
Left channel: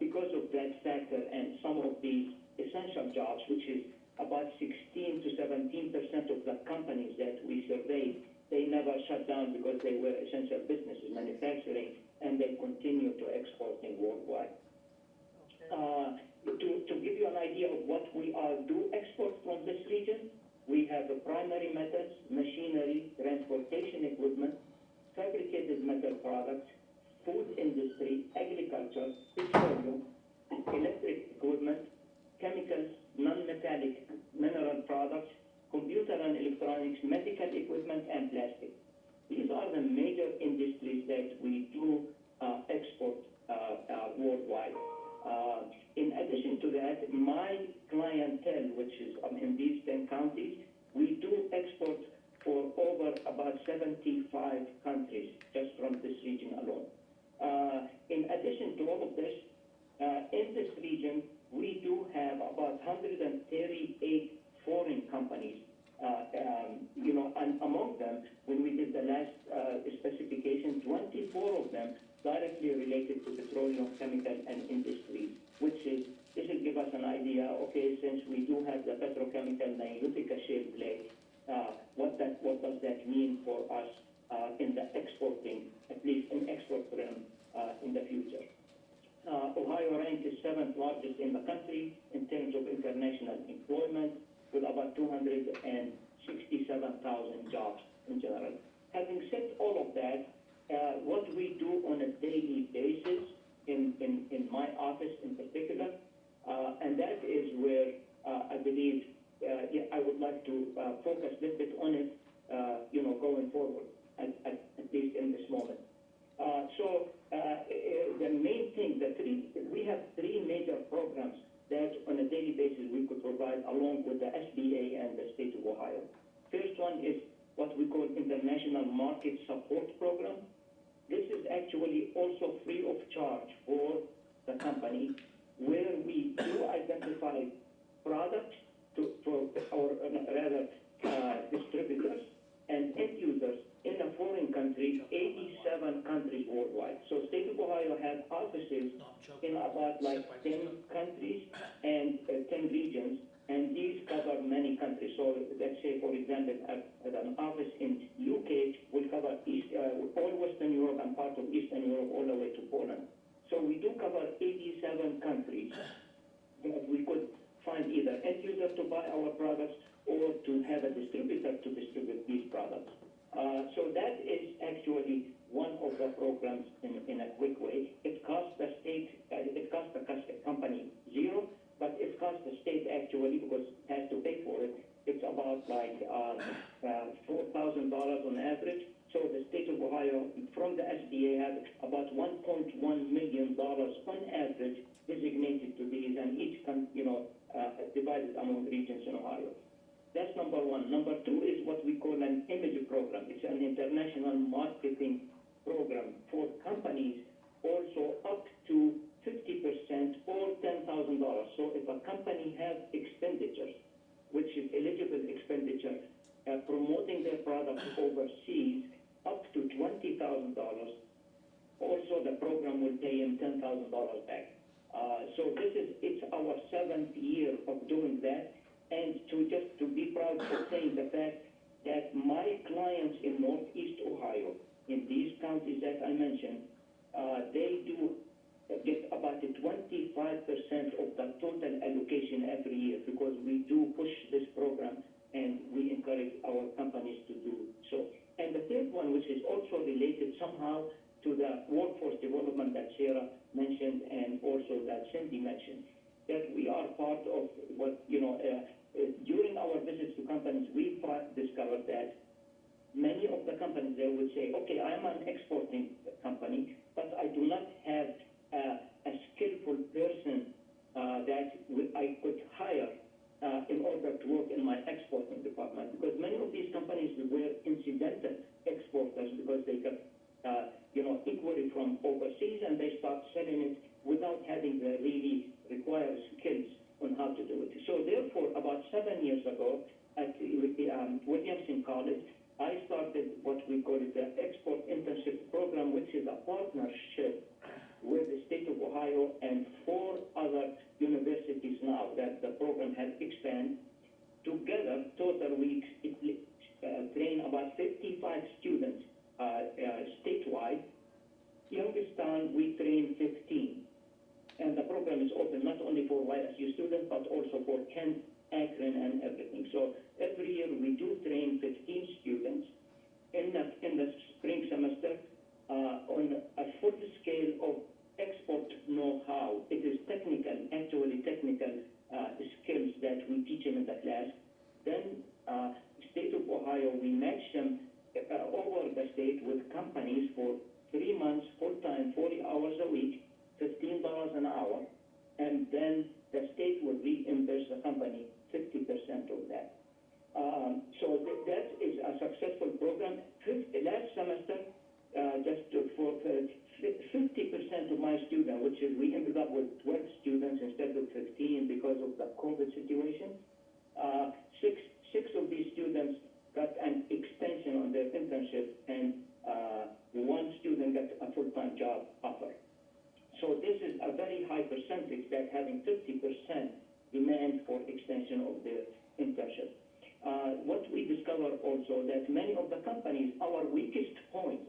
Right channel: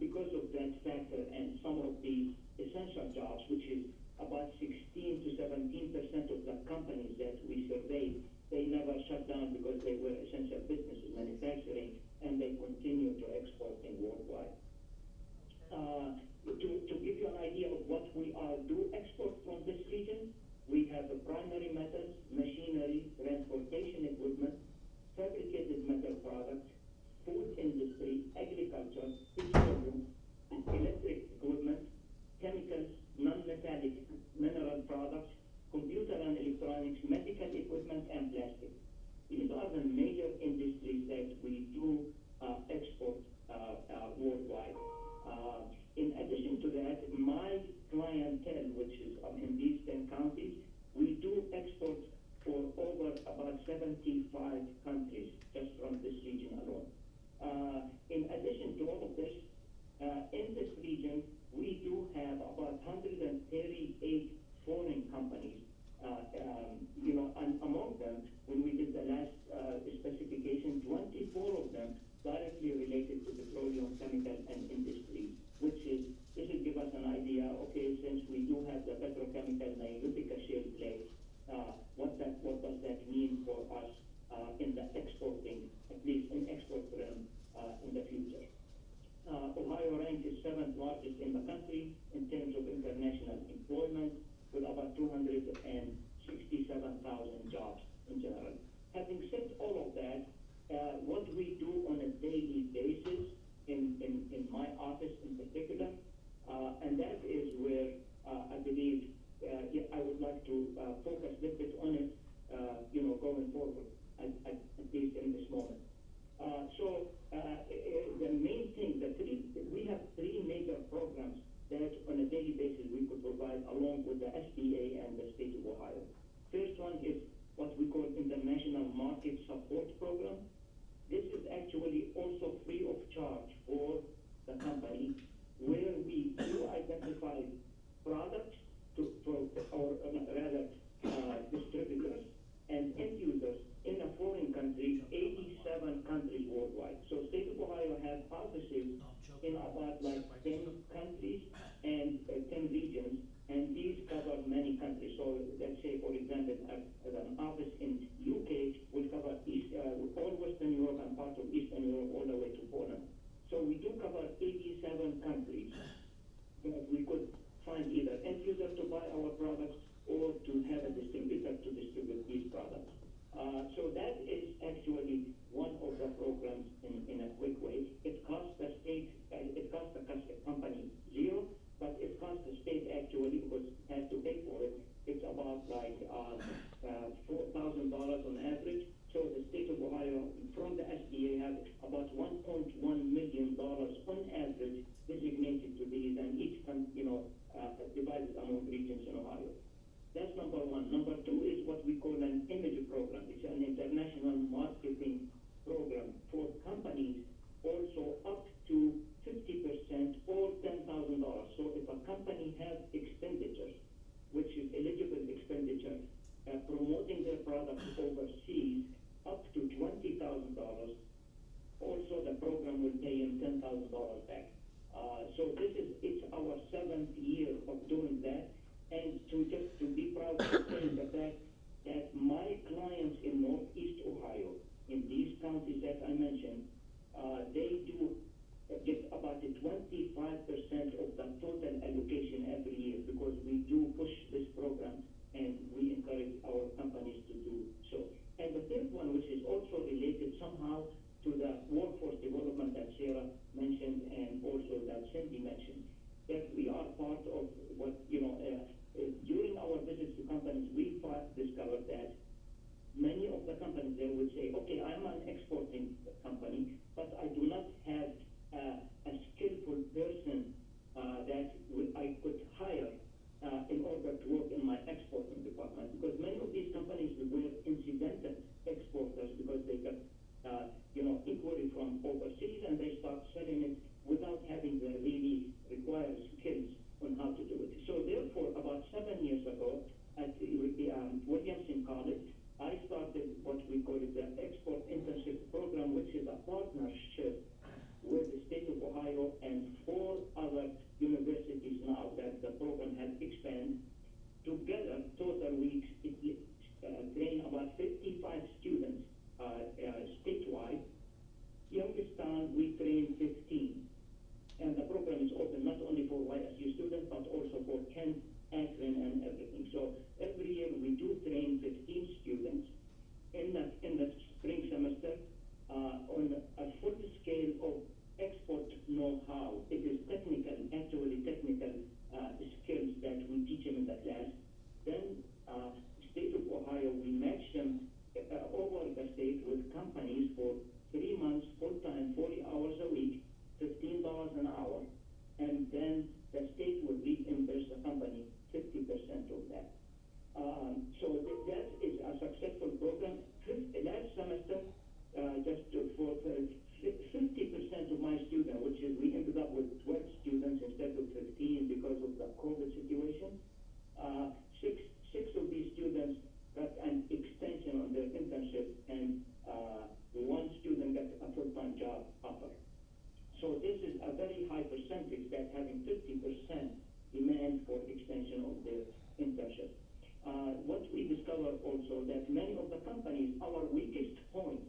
because of that factor, and some of these essential jobs, which is about 16 to 17% of the companies that we surveyed, they never shut down because they were essential businesses, manufacturing, and they continue to exporting worldwide. To give you an idea of what we do export from this region, we have primary metals, machinery, transportation equipment, fabricated metal products, food industry, agriculture, petroleum, electric equipment, chemicals, non-metallic mineral products, computer and electronics, medical equipment, and plastic. These are the major industries that we do export worldwide. In addition to that, my clientele, which is in these 10 counties, we do export for over about 75 countries just from this region alone. In addition to all of this, in this region, we do have about 138 foreign companies, and among them, when we did the last specification, 24 of them directly related to petroleum, chemical, and industry, which is, this will give us an idea, okay, since we do have the petrochemical Nilutica shale play, what does that mean for us in the exporting, at least in export realm, in the future. Ohio ranked is 7th largest in the country in terms of international employment, with about 267,000 jobs in general. Having said all of that, what we do on a daily basis in my office in particular, and that is where I believe I would like to focus a little bit on it, going forward, at least in this moment. The main thing, we have three major programs that on a daily basis we could provide along with the SBA and the state of Ohio. First one is what we call International Market Support Program. This is actually also free of charge for the company, where we do identify products distributors and end users in a foreign country, 87 countries worldwide. So state of Ohio has offices in about 10 countries and 10 regions, and these cover many countries. So let's say, for example, an office in UK will cover all Western Europe and part of Eastern Europe all the way to Poland. So we do cover 87 countries. We could find either end user to buy our products or to have a distributor to distribute these products. So that is actually one of the programs in a quick way. It costs the state, it costs the company zero, but it costs the state actually, because it has to pay for it. It's about $4,000 on average. So the state of Ohio, from the SBA, has about $1.1 million on average designated to these, and each divided among regions in Ohio. That's number one. Number two is what we call an image program. It's an international marketing program for companies, also up to 50% or $10,000. So if a company has expenditures, which is eligible expenditure, promoting their products overseas, up to $20,000, also the program will pay him $10,000 back. So it's our 7th year of doing that, and to be proud of saying the fact that my clients in Northeast Ohio, in these counties that I mentioned, they do get about 25% of the total allocation every year, because we do push this program and we encourage our companies to do so. And the third one, which is also related somehow to the workforce development that Sarah mentioned and also that Cindy mentioned, that we are part of what, during our visits to companies, we discovered that many of the companies there would say, okay, I'm an exporting company, but I do not have a skillful person that I could hire in order to work in my exporting department, because many of these companies were incidental exporters, because they got inquiry from overseas and they start selling it without having the really required skills on how to do it. So therefore, about 7 years ago, I companies for 3 months, full-time, 40 hours a week, $15 an hour, and then the state would reimburse the company 50% of that. So that is a successful program. Last semester, for 50% of my students, which is we ended up with 12 students instead of 15 because of the COVID situation. Six of these students got an extension on their internship, and one student got a full-time job offer. So this is a very high percentage that having 50% demand for extension of their internship. What we discovered also that many of the companies, our weakest point,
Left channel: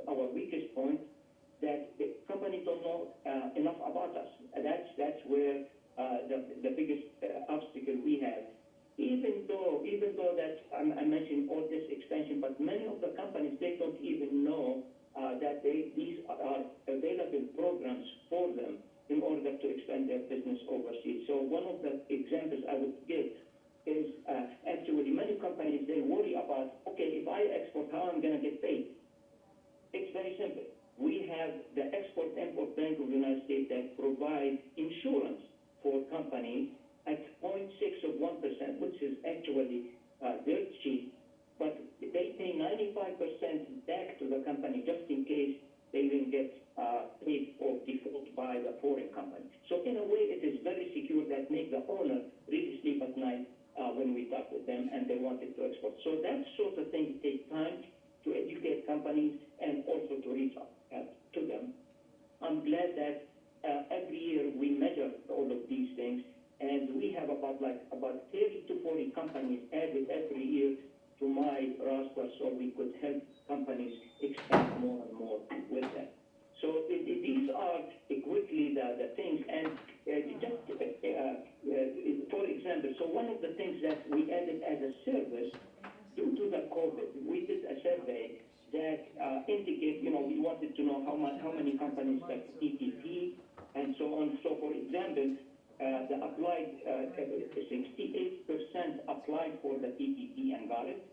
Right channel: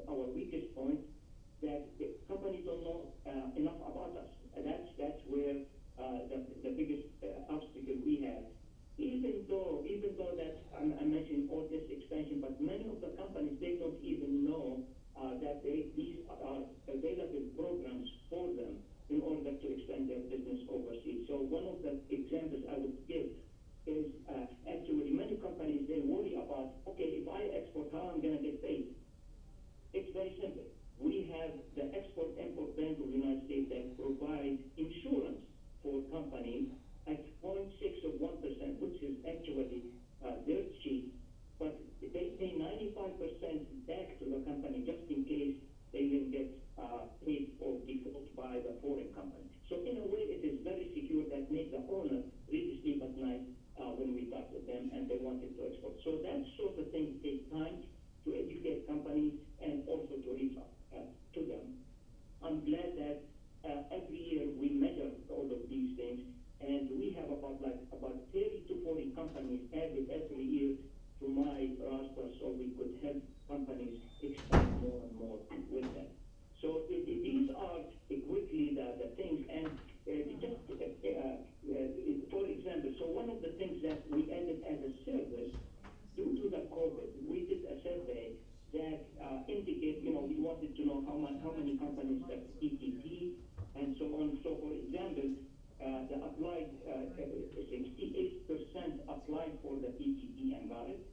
that the companies don't know enough about us. That's where the biggest obstacle we have. Even though that I mentioned all this extension, but many of the companies, they don't even know that these are available programs for them in order to expand their business overseas. So one of the examples I would give is actually many companies, they worry about, okay, if I export, how I'm going to get paid? It's very simple. We have the Export-Import Bank of the United States that provides insurance for companies at 0.6 of 1%, which is actually dirt cheap, but they pay 95% back to the company just in case they will get paid or default by the foreign company. So in a way, it is very secure that make the owner really sleep at night when we talk with them and they wanted to export. So that sort of thing takes time to educate companies and also to reach out to them. I'm glad that every year we measure all of these things, and we have about 30 to 40 companies added every year to my roster, so we could help companies expand more and more with them. So these are quickly the things, and just for example, so one of the things that we added as a service due to the COVID, we did a survey that indicate, we wanted to know how many companies have PPP and so on. So for example, the applied 68% applied for the PPP and got it.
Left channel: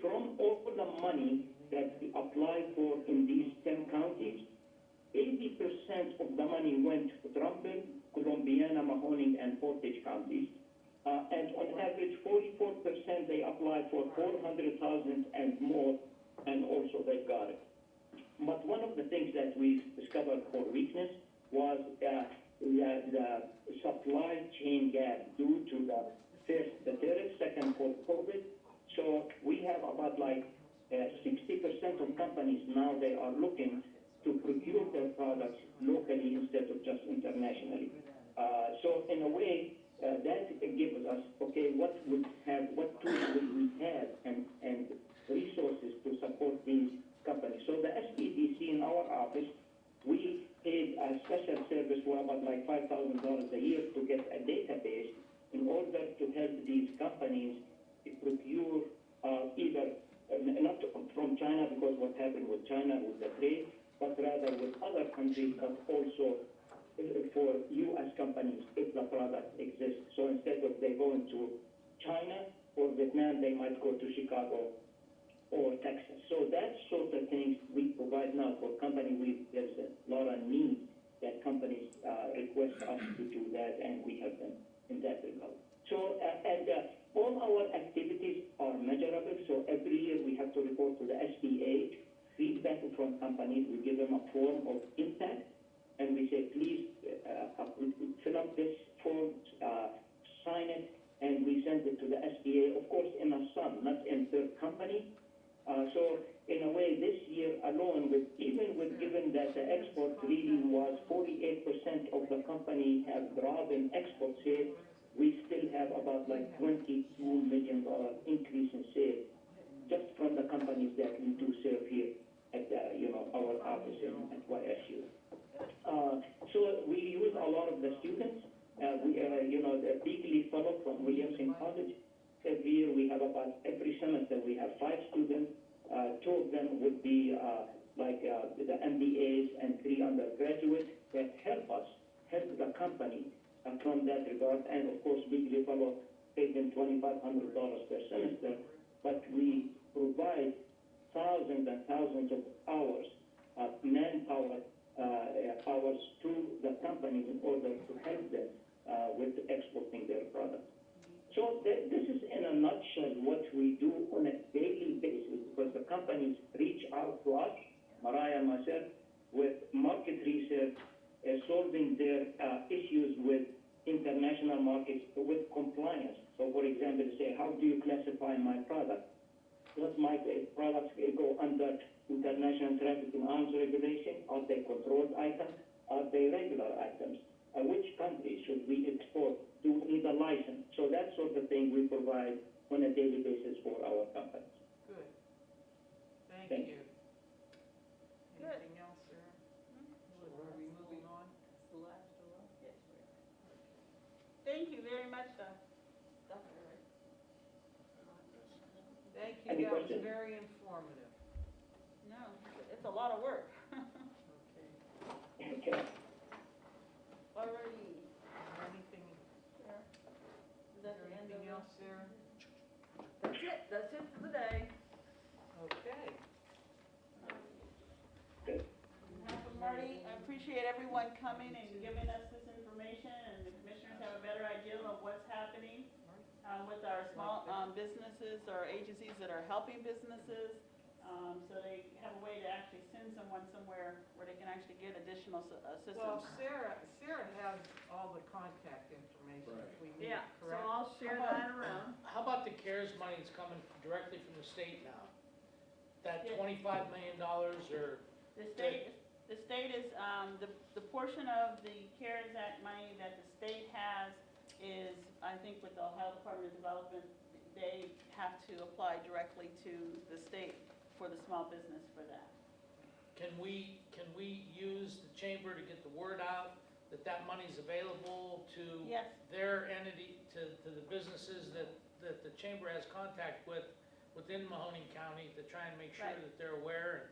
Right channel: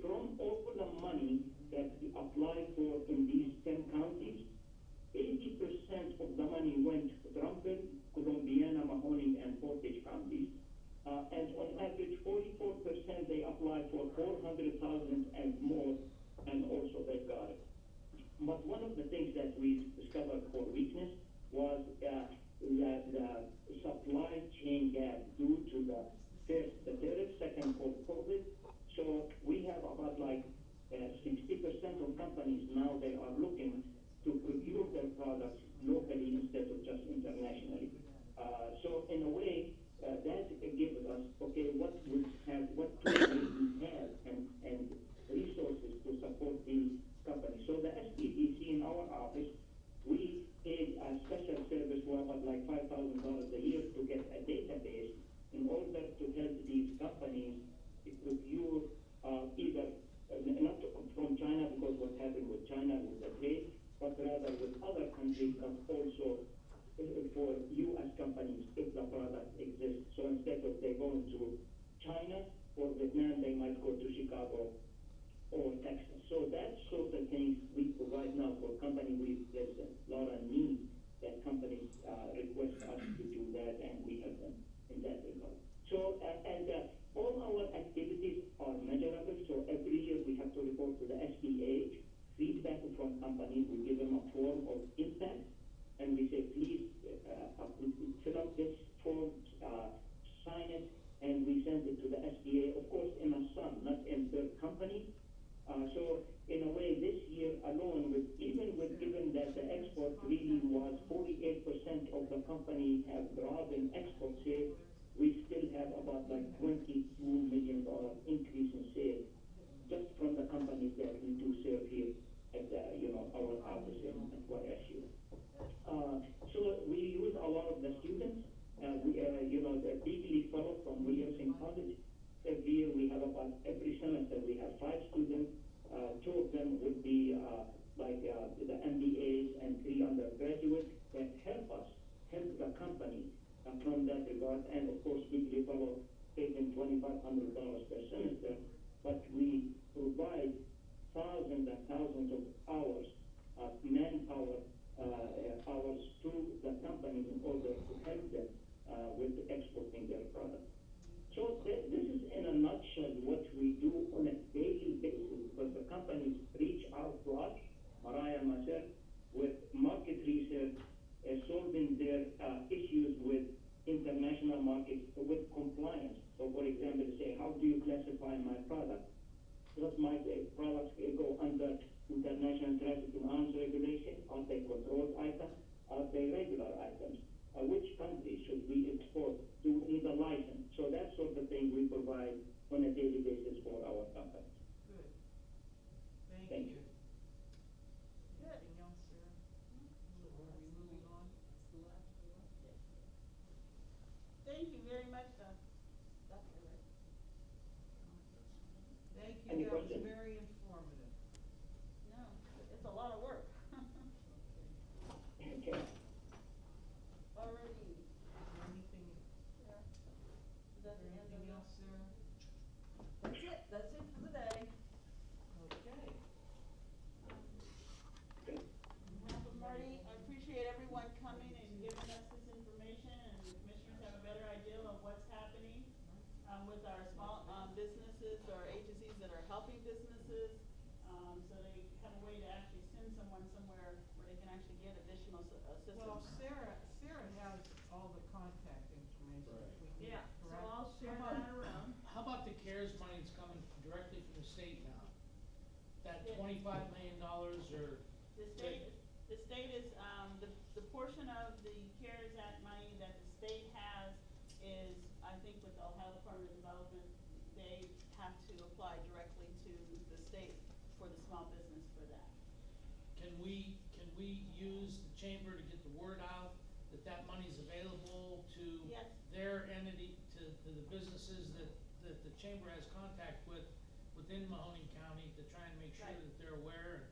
From all the money that we applied for in these 10 counties, 80% of the money went to Trumbull, Columbiana, Mahoning, and Portage counties. And on average, 44% they applied for $400,000 and more, and also they got it. But one of the things that we discovered for weakness was the supply chain gap due to the tariff, second for COVID. So we have about 60% of companies now, they are looking to procure their products locally instead of just internationally. So in a way, that gives us, okay, what tools will we have and resources to support these companies. So the SPDC in our office, we paid a special service for about $5,000 a year to get a database in order to help these companies procure either not from China, because what happened with China with the trade, but rather with other countries, but also for U.S. companies if the product exists. So instead of they going to China or Vietnam, they might go to Chicago or Texas. So that sort of things we provide now for companies. There's a lot of need that companies request us to do that, and we help them in that regard. So, all our activities are measurable. So every year we have to report to the SBA feedback from companies. We give them a form of impact, and we say, please fill up this form, sign it, and we send it to the SBA, of course, in a sum, not in per company. So in a way, this year alone, given that the export really was 48% of the company have dropped in export sales, we still have about $22 million increase in sales just from the companies that we do serve here at our office at YSU. So we use a lot of the students. The Beagley Fellow from Williamson College. Every year we have every semester we have 5 students. 2 of them would be the MBAs and 3 undergraduates that help the company from that regard. And of course, Beagley Fellow pays them $2,500 per semester, but we provide thousands and thousands of companies in order to help them with exporting their products. So this is in a nutshell what we do on a daily basis, because the companies reach out to us, Mariah and myself, with market research, solving their issues with international markets, with compliance. So for example, say, how do you classify my product? Does my products go under international trafficking arms regulation? Are they controlled items? Are they regular items? Which countries should we export? Do we need a license? So that sort of thing we provide on a daily basis for our companies. Good. Thank Thank you. you. Good. Anything else, Sarah? Are we moving on? That's the last one. Yes, we are. Thank you very much, Dr. Rick. Thank you, Any that was questions? very informative. No, it's a lot of work. Okay. Okay. Alrighty. Is there anything, Sarah? Is is that there the end anything of else, Sarah? That's it for the day. Okay. Good. Well, Marty, I appreciate everyone coming and giving us this information, and the commissioners have a better idea of what's happening with our small businesses, our agencies that are helping businesses, so they have a way to actually send someone somewhere where they can actually get additional assistance. Well, Sarah has all the contact information if we need Yeah, it, so correct? I'll share that around. How about the CARES money that's coming directly from the state now? That Yeah. $25 million or? The state is, the portion of the CARES Act money that the state has is, I think with the Ohio Department of Development, they have to apply directly to the state for the small business for that. Can we use the chamber to get the word out that that money's available to Yes. their entity, to the businesses that the chamber has contact with within Mahoning County to try and make sure Right. that they're aware?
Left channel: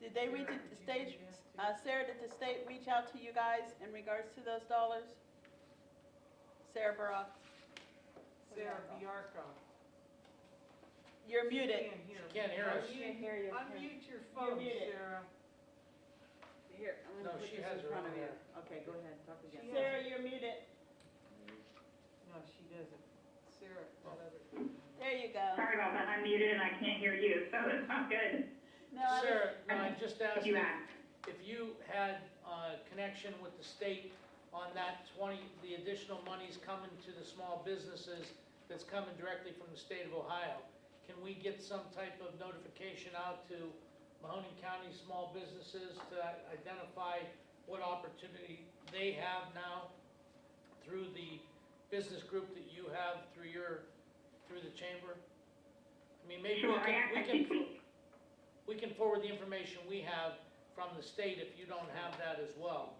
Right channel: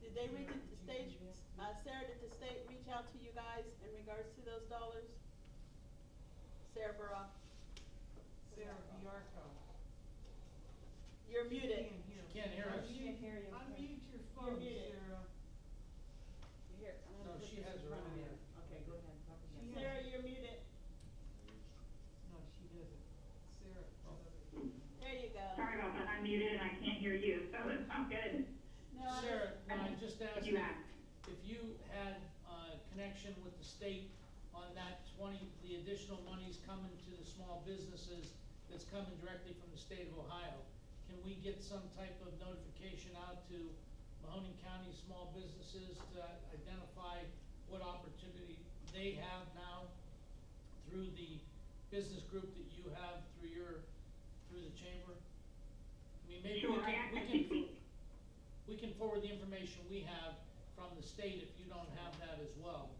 Did they reach, Sarah, the did you state, do this too? Sarah, did the state reach out to you guys in regards to those dollars? Sarah Baroff? Sarah Biarco. You're muted. Can't hear us. Can't hear you. Unmute your phone, muted. Sarah. Here, I'm No, gonna put she this has in her front of own you. there. Okay, go ahead, talk again. She Sarah, you're muted. No, she doesn't. Sarah, that other. There you go. Sorry about that, I'm muted and I can't hear you, so it's not good. No, I was- Sarah, no, I just asked You asked. if you had connection with the state on that the additional monies coming to the small businesses that's coming directly from the state of Ohio. Can we get some type of notification out to Mahoning County small businesses to identify what opportunity they have now through the business group that you have through the chamber? I mean, maybe Sure, I think we can forward the information we have from the state if you don't have that as well.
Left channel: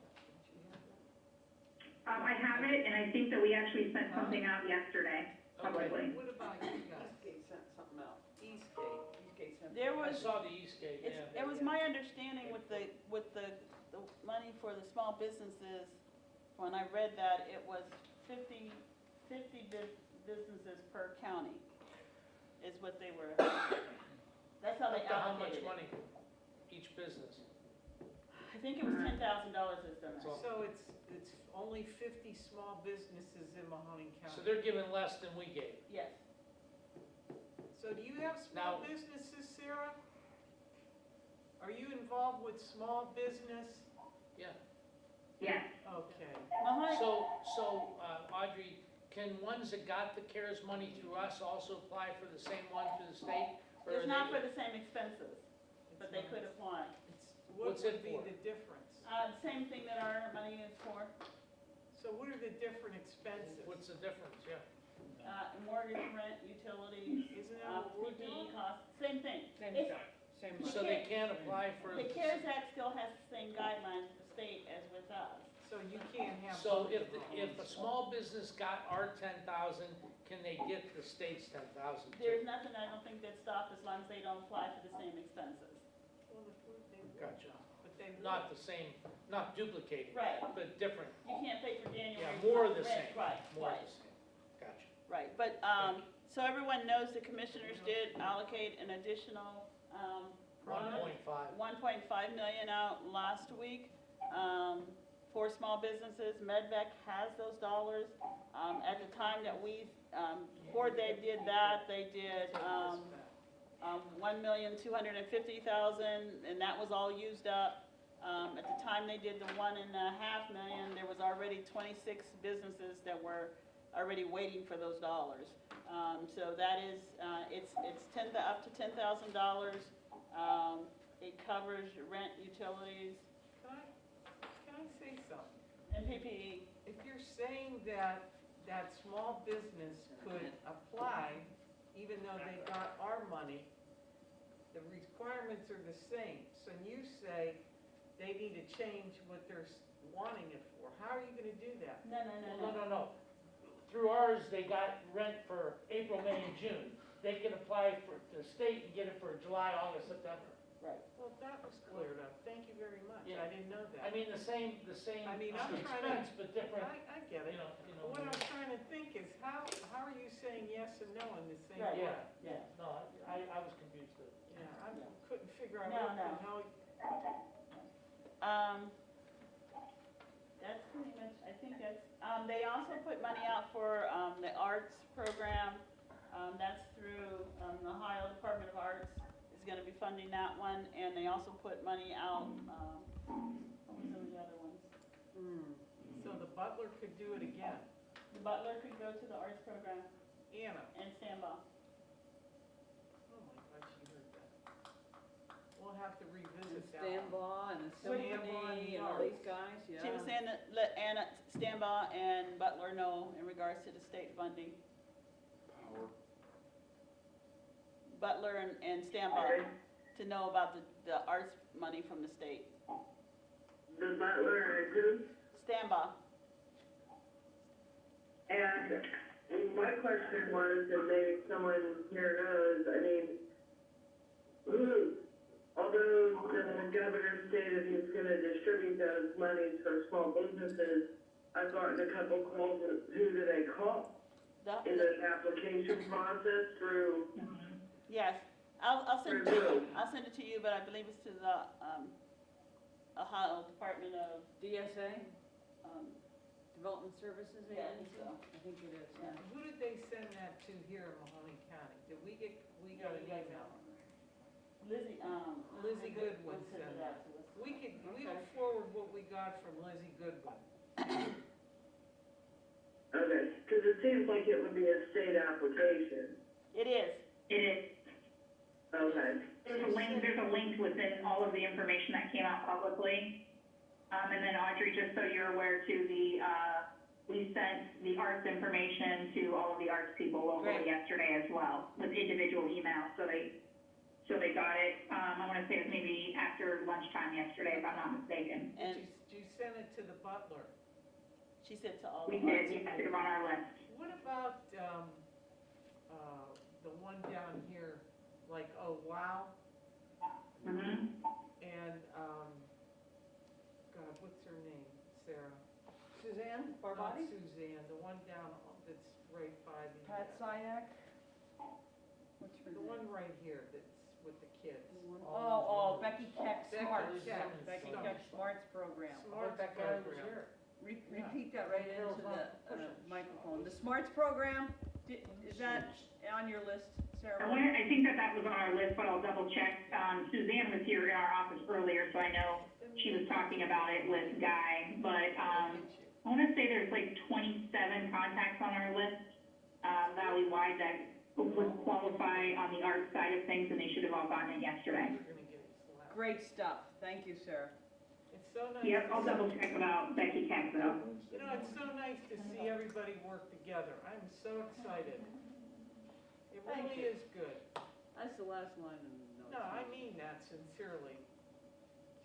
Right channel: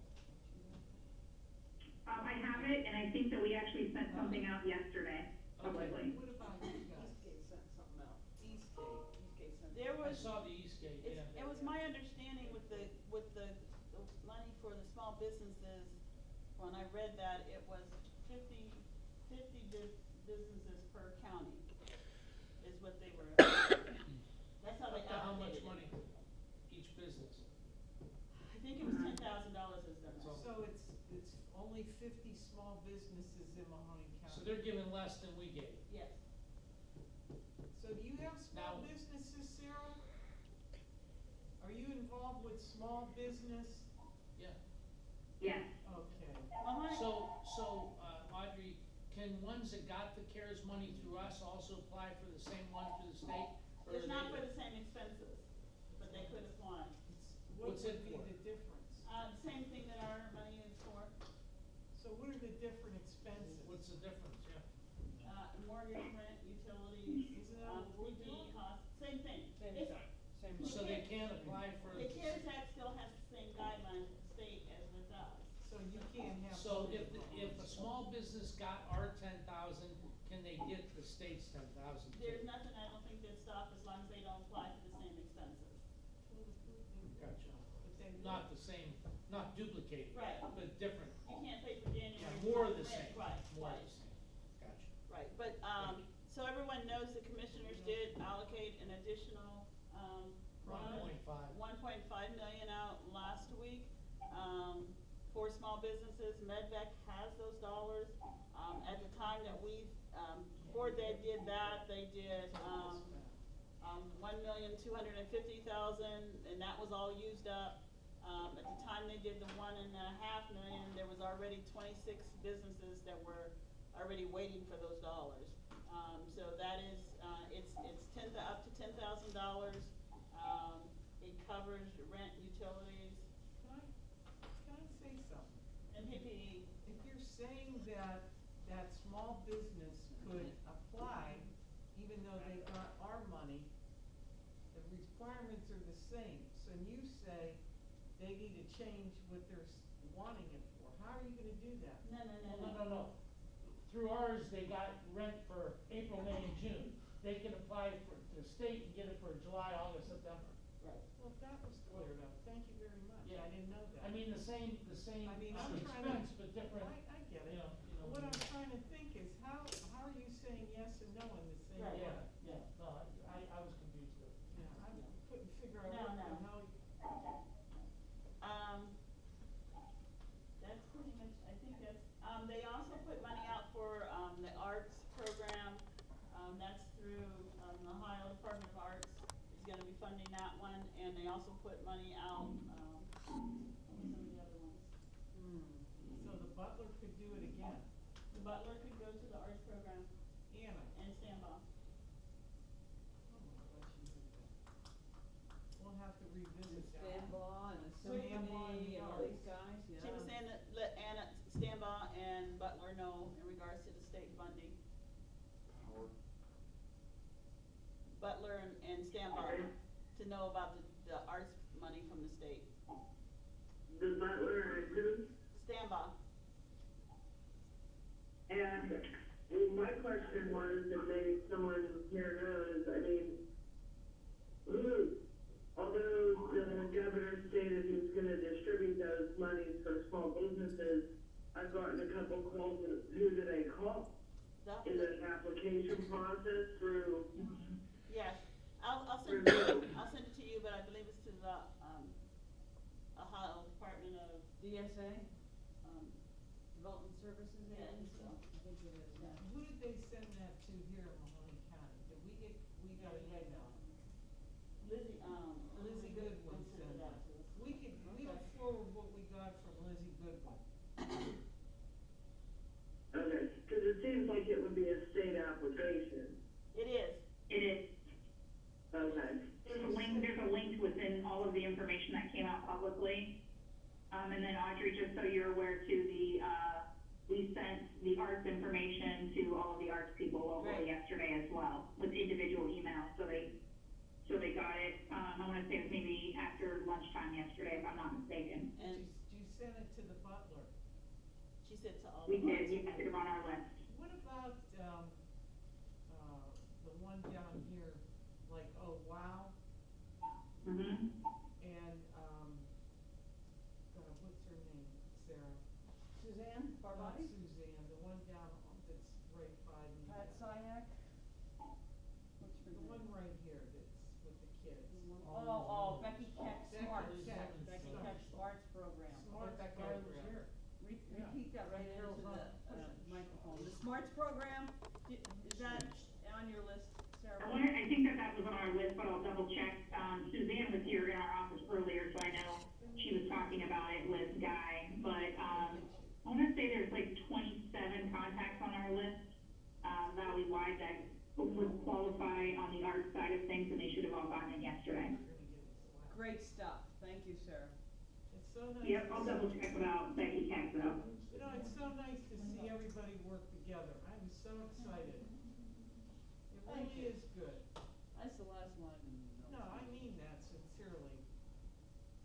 I have it, and I think that we actually sent something out yesterday, publicly. What about you guys? Eastgate sent something out. Eastgate sent. There I was, saw the Eastgate, yeah. it was my understanding with the money for the small businesses, when I read that, it was 50 businesses per county is what they were, that's how they Up to how much allocated it. money each business? I think it was $10,000 is the That's all. So it's only 50 small businesses in Mahoning County. So they're giving less than we gave. Yes. So do you have small Now- businesses, Sarah? Are you involved with small business? Yeah. Yes. Okay. Mahoney, So, Audrey, can ones that got the CARES money through us also apply for the same one through the state? Or it's are not they- for the same expenses, but they could apply. What What's would it be for? the difference? Same thing that our money is for, So what are the different expenses? What's the difference, yeah? mortgage, rent, utilities, Isn't that what we're PPE doing? costs, same thing. Same It's- stuff, same You money. So they can't- can't apply for. The CARES Act still has the same guidelines with the state as with us. So you can't have. So both if, of them. if a small business got our 10,000, can they get the state's 10,000 too? There's nothing, I don't think that stop as long as they don't apply for the same expenses. Well, they would, Gotcha. but they would. Not the same, not duplicated. Right. But different. You can't pay for January. Yeah, more of the rent, same. Right, More of right. the same. Gotcha. Right, but, so everyone knows the commissioners did allocate an additional, 1.5. 1.5 million out last week, for small businesses. MedVec has those dollars. At the time that we, before they did that, they did, 1,250,000, and that was all used up. At the time they did the 1.5 million, there was already 26 businesses that were already waiting for those dollars. So that is, it's up to $10,000. It covers your rent, utilities, Can I say something? and PPE. If you're saying that small business could apply, even though they got our money, the requirements are the same. So you say they need to change what they're wanting it for. How are you gonna do that? No. Through ours, they got rent for April, May, and June. They can apply for the state and get it for July, August, September. Right. Well, that was cleared up. Thank you very much. Yeah. I didn't know that. I mean, the same I mean, I'm trying to- expense, but different, I get it. you know. But what I'm trying to think is how are you saying yes and no in the same Right. way? Yeah, no, I was confused too. Yeah, I couldn't figure out No, what no. the hell. That's pretty much, I think that's, they also put money out for, the arts program. That's through, the Ohio Department of Arts is gonna be funding that one, and they also put money out, what were some of the other ones? So the butler could do it again. The Butler could go to the arts program Anna. and Sandball. Oh my God, she heard that. We'll have to And revisit that one. Stambaugh and the Stambaugh and symphony the and all these arts. guys, yeah. She was saying that let Anna, Stambaugh and Butler know in regards to the state funding. Power. Butler and Stambaugh to know about the arts money from the state. The butler and who? Stambaugh. And my question was, and maybe someone here knows, I mean, although the governor stated he's gonna distribute those monies for small businesses, I've gotten a couple calls, who do they call? Is it an application process through? Yes, I'll send it to you, but I believe it's to the, Ohio Department of, DSA, Development Services Yeah, I think Agency? so. I think it is, yeah. Who did they send that to here in Mahoney County? We got an email. Lizzie, Lizzie Goodwin sent sent it out that. to us. We'll forward what we got from Lizzie Goodwin. Okay, cause it seems like it would be a state application. It is. It is, Okay. there's a link within all of the information that came out publicly. And then Audrey, just so you're aware too, we sent the arts information to all of the arts people locally Great. yesterday as well, with individual emails, so they got it. I wanna say it was maybe after lunchtime yesterday, if I'm not mistaken. And Did you send it to the butler? she said to all We the arts. did, yes, they're on our list. What about, the one down here, like, oh, wow, Mm-hmm. and, God, what's her name, Sarah? Suzanne Not Barbati? Suzanne, the one down, that's right by the. Pat Syack? What's her The name? one right here that's with the kids. Oh, Becky Keck Becky Smarts. Keck. Becky Sorry. Keck Smarts program. Smarts That guy was program. here. Repeat that right Carol's into not the pushing. microphone. The Smarts program, is that on your list, Sarah? I think that was on our list, but I'll double check. Suzanne was here in our office earlier, so I know she was talking about it with Guy, but, I wanna say there's like 27 contacts on our list, valley-wide that would qualify on the art side of things, and they should have all gotten it yesterday. You're gonna get it slapped. Great stuff. Thank you, Sarah. It's so nice. Yep, to I'll see- double check about Becky Keck though. You know, it's so nice to see everybody work together. I'm so excited. It Thank really you. is good. That's the last line in the notes. No, I mean that sincerely.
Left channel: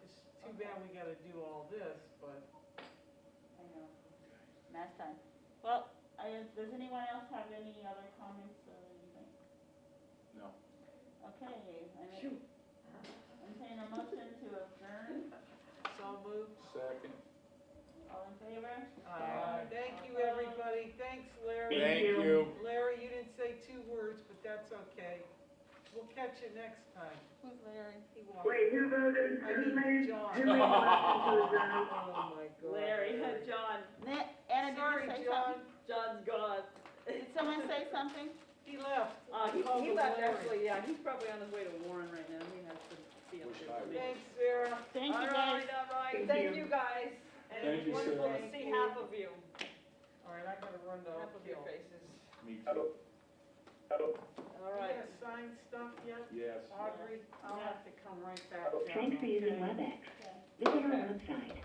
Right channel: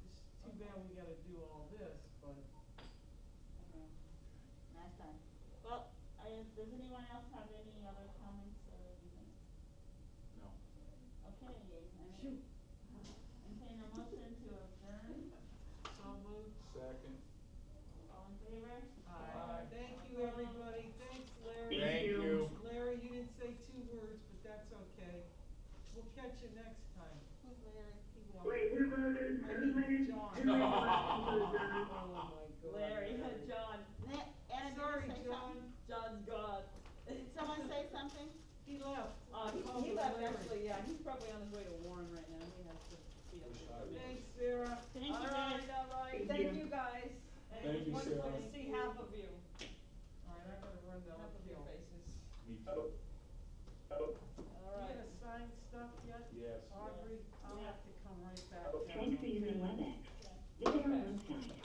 Just too bad we gotta do all this, but I know. Last time. Well, does anyone else have any other comments or anything? No. Okay, Shoot. entertain a motion to adjourn. so moved. Second. All in favor? Thank you, everybody. Thanks, Larry. Thank you. Larry, you didn't say 2 words, but that's okay. We'll catch you next time. Who's Larry? He won't. Wait, who voted, I who mean, made, John. who made the motion to adjourn? Oh, my God. Larry, John, Anna, did Sorry, you say John. something? John's gone. Did someone say something? He left. He Called he him left Larry. actually, yeah, he's probably on his way to Warren right now, he has to see up there. for me. Thanks, Sarah. Thank you, All guys. right, all right, Thank thank you. you guys, and Thank you, wonderful to Sarah. see half of you, All right, I gotta run to half of your Oak Hill. faces. Me too. All You right, gonna sign stuff yet? Yes. Audrey, I'll have to come right back down. Thanks for using WebEx. Visit our website,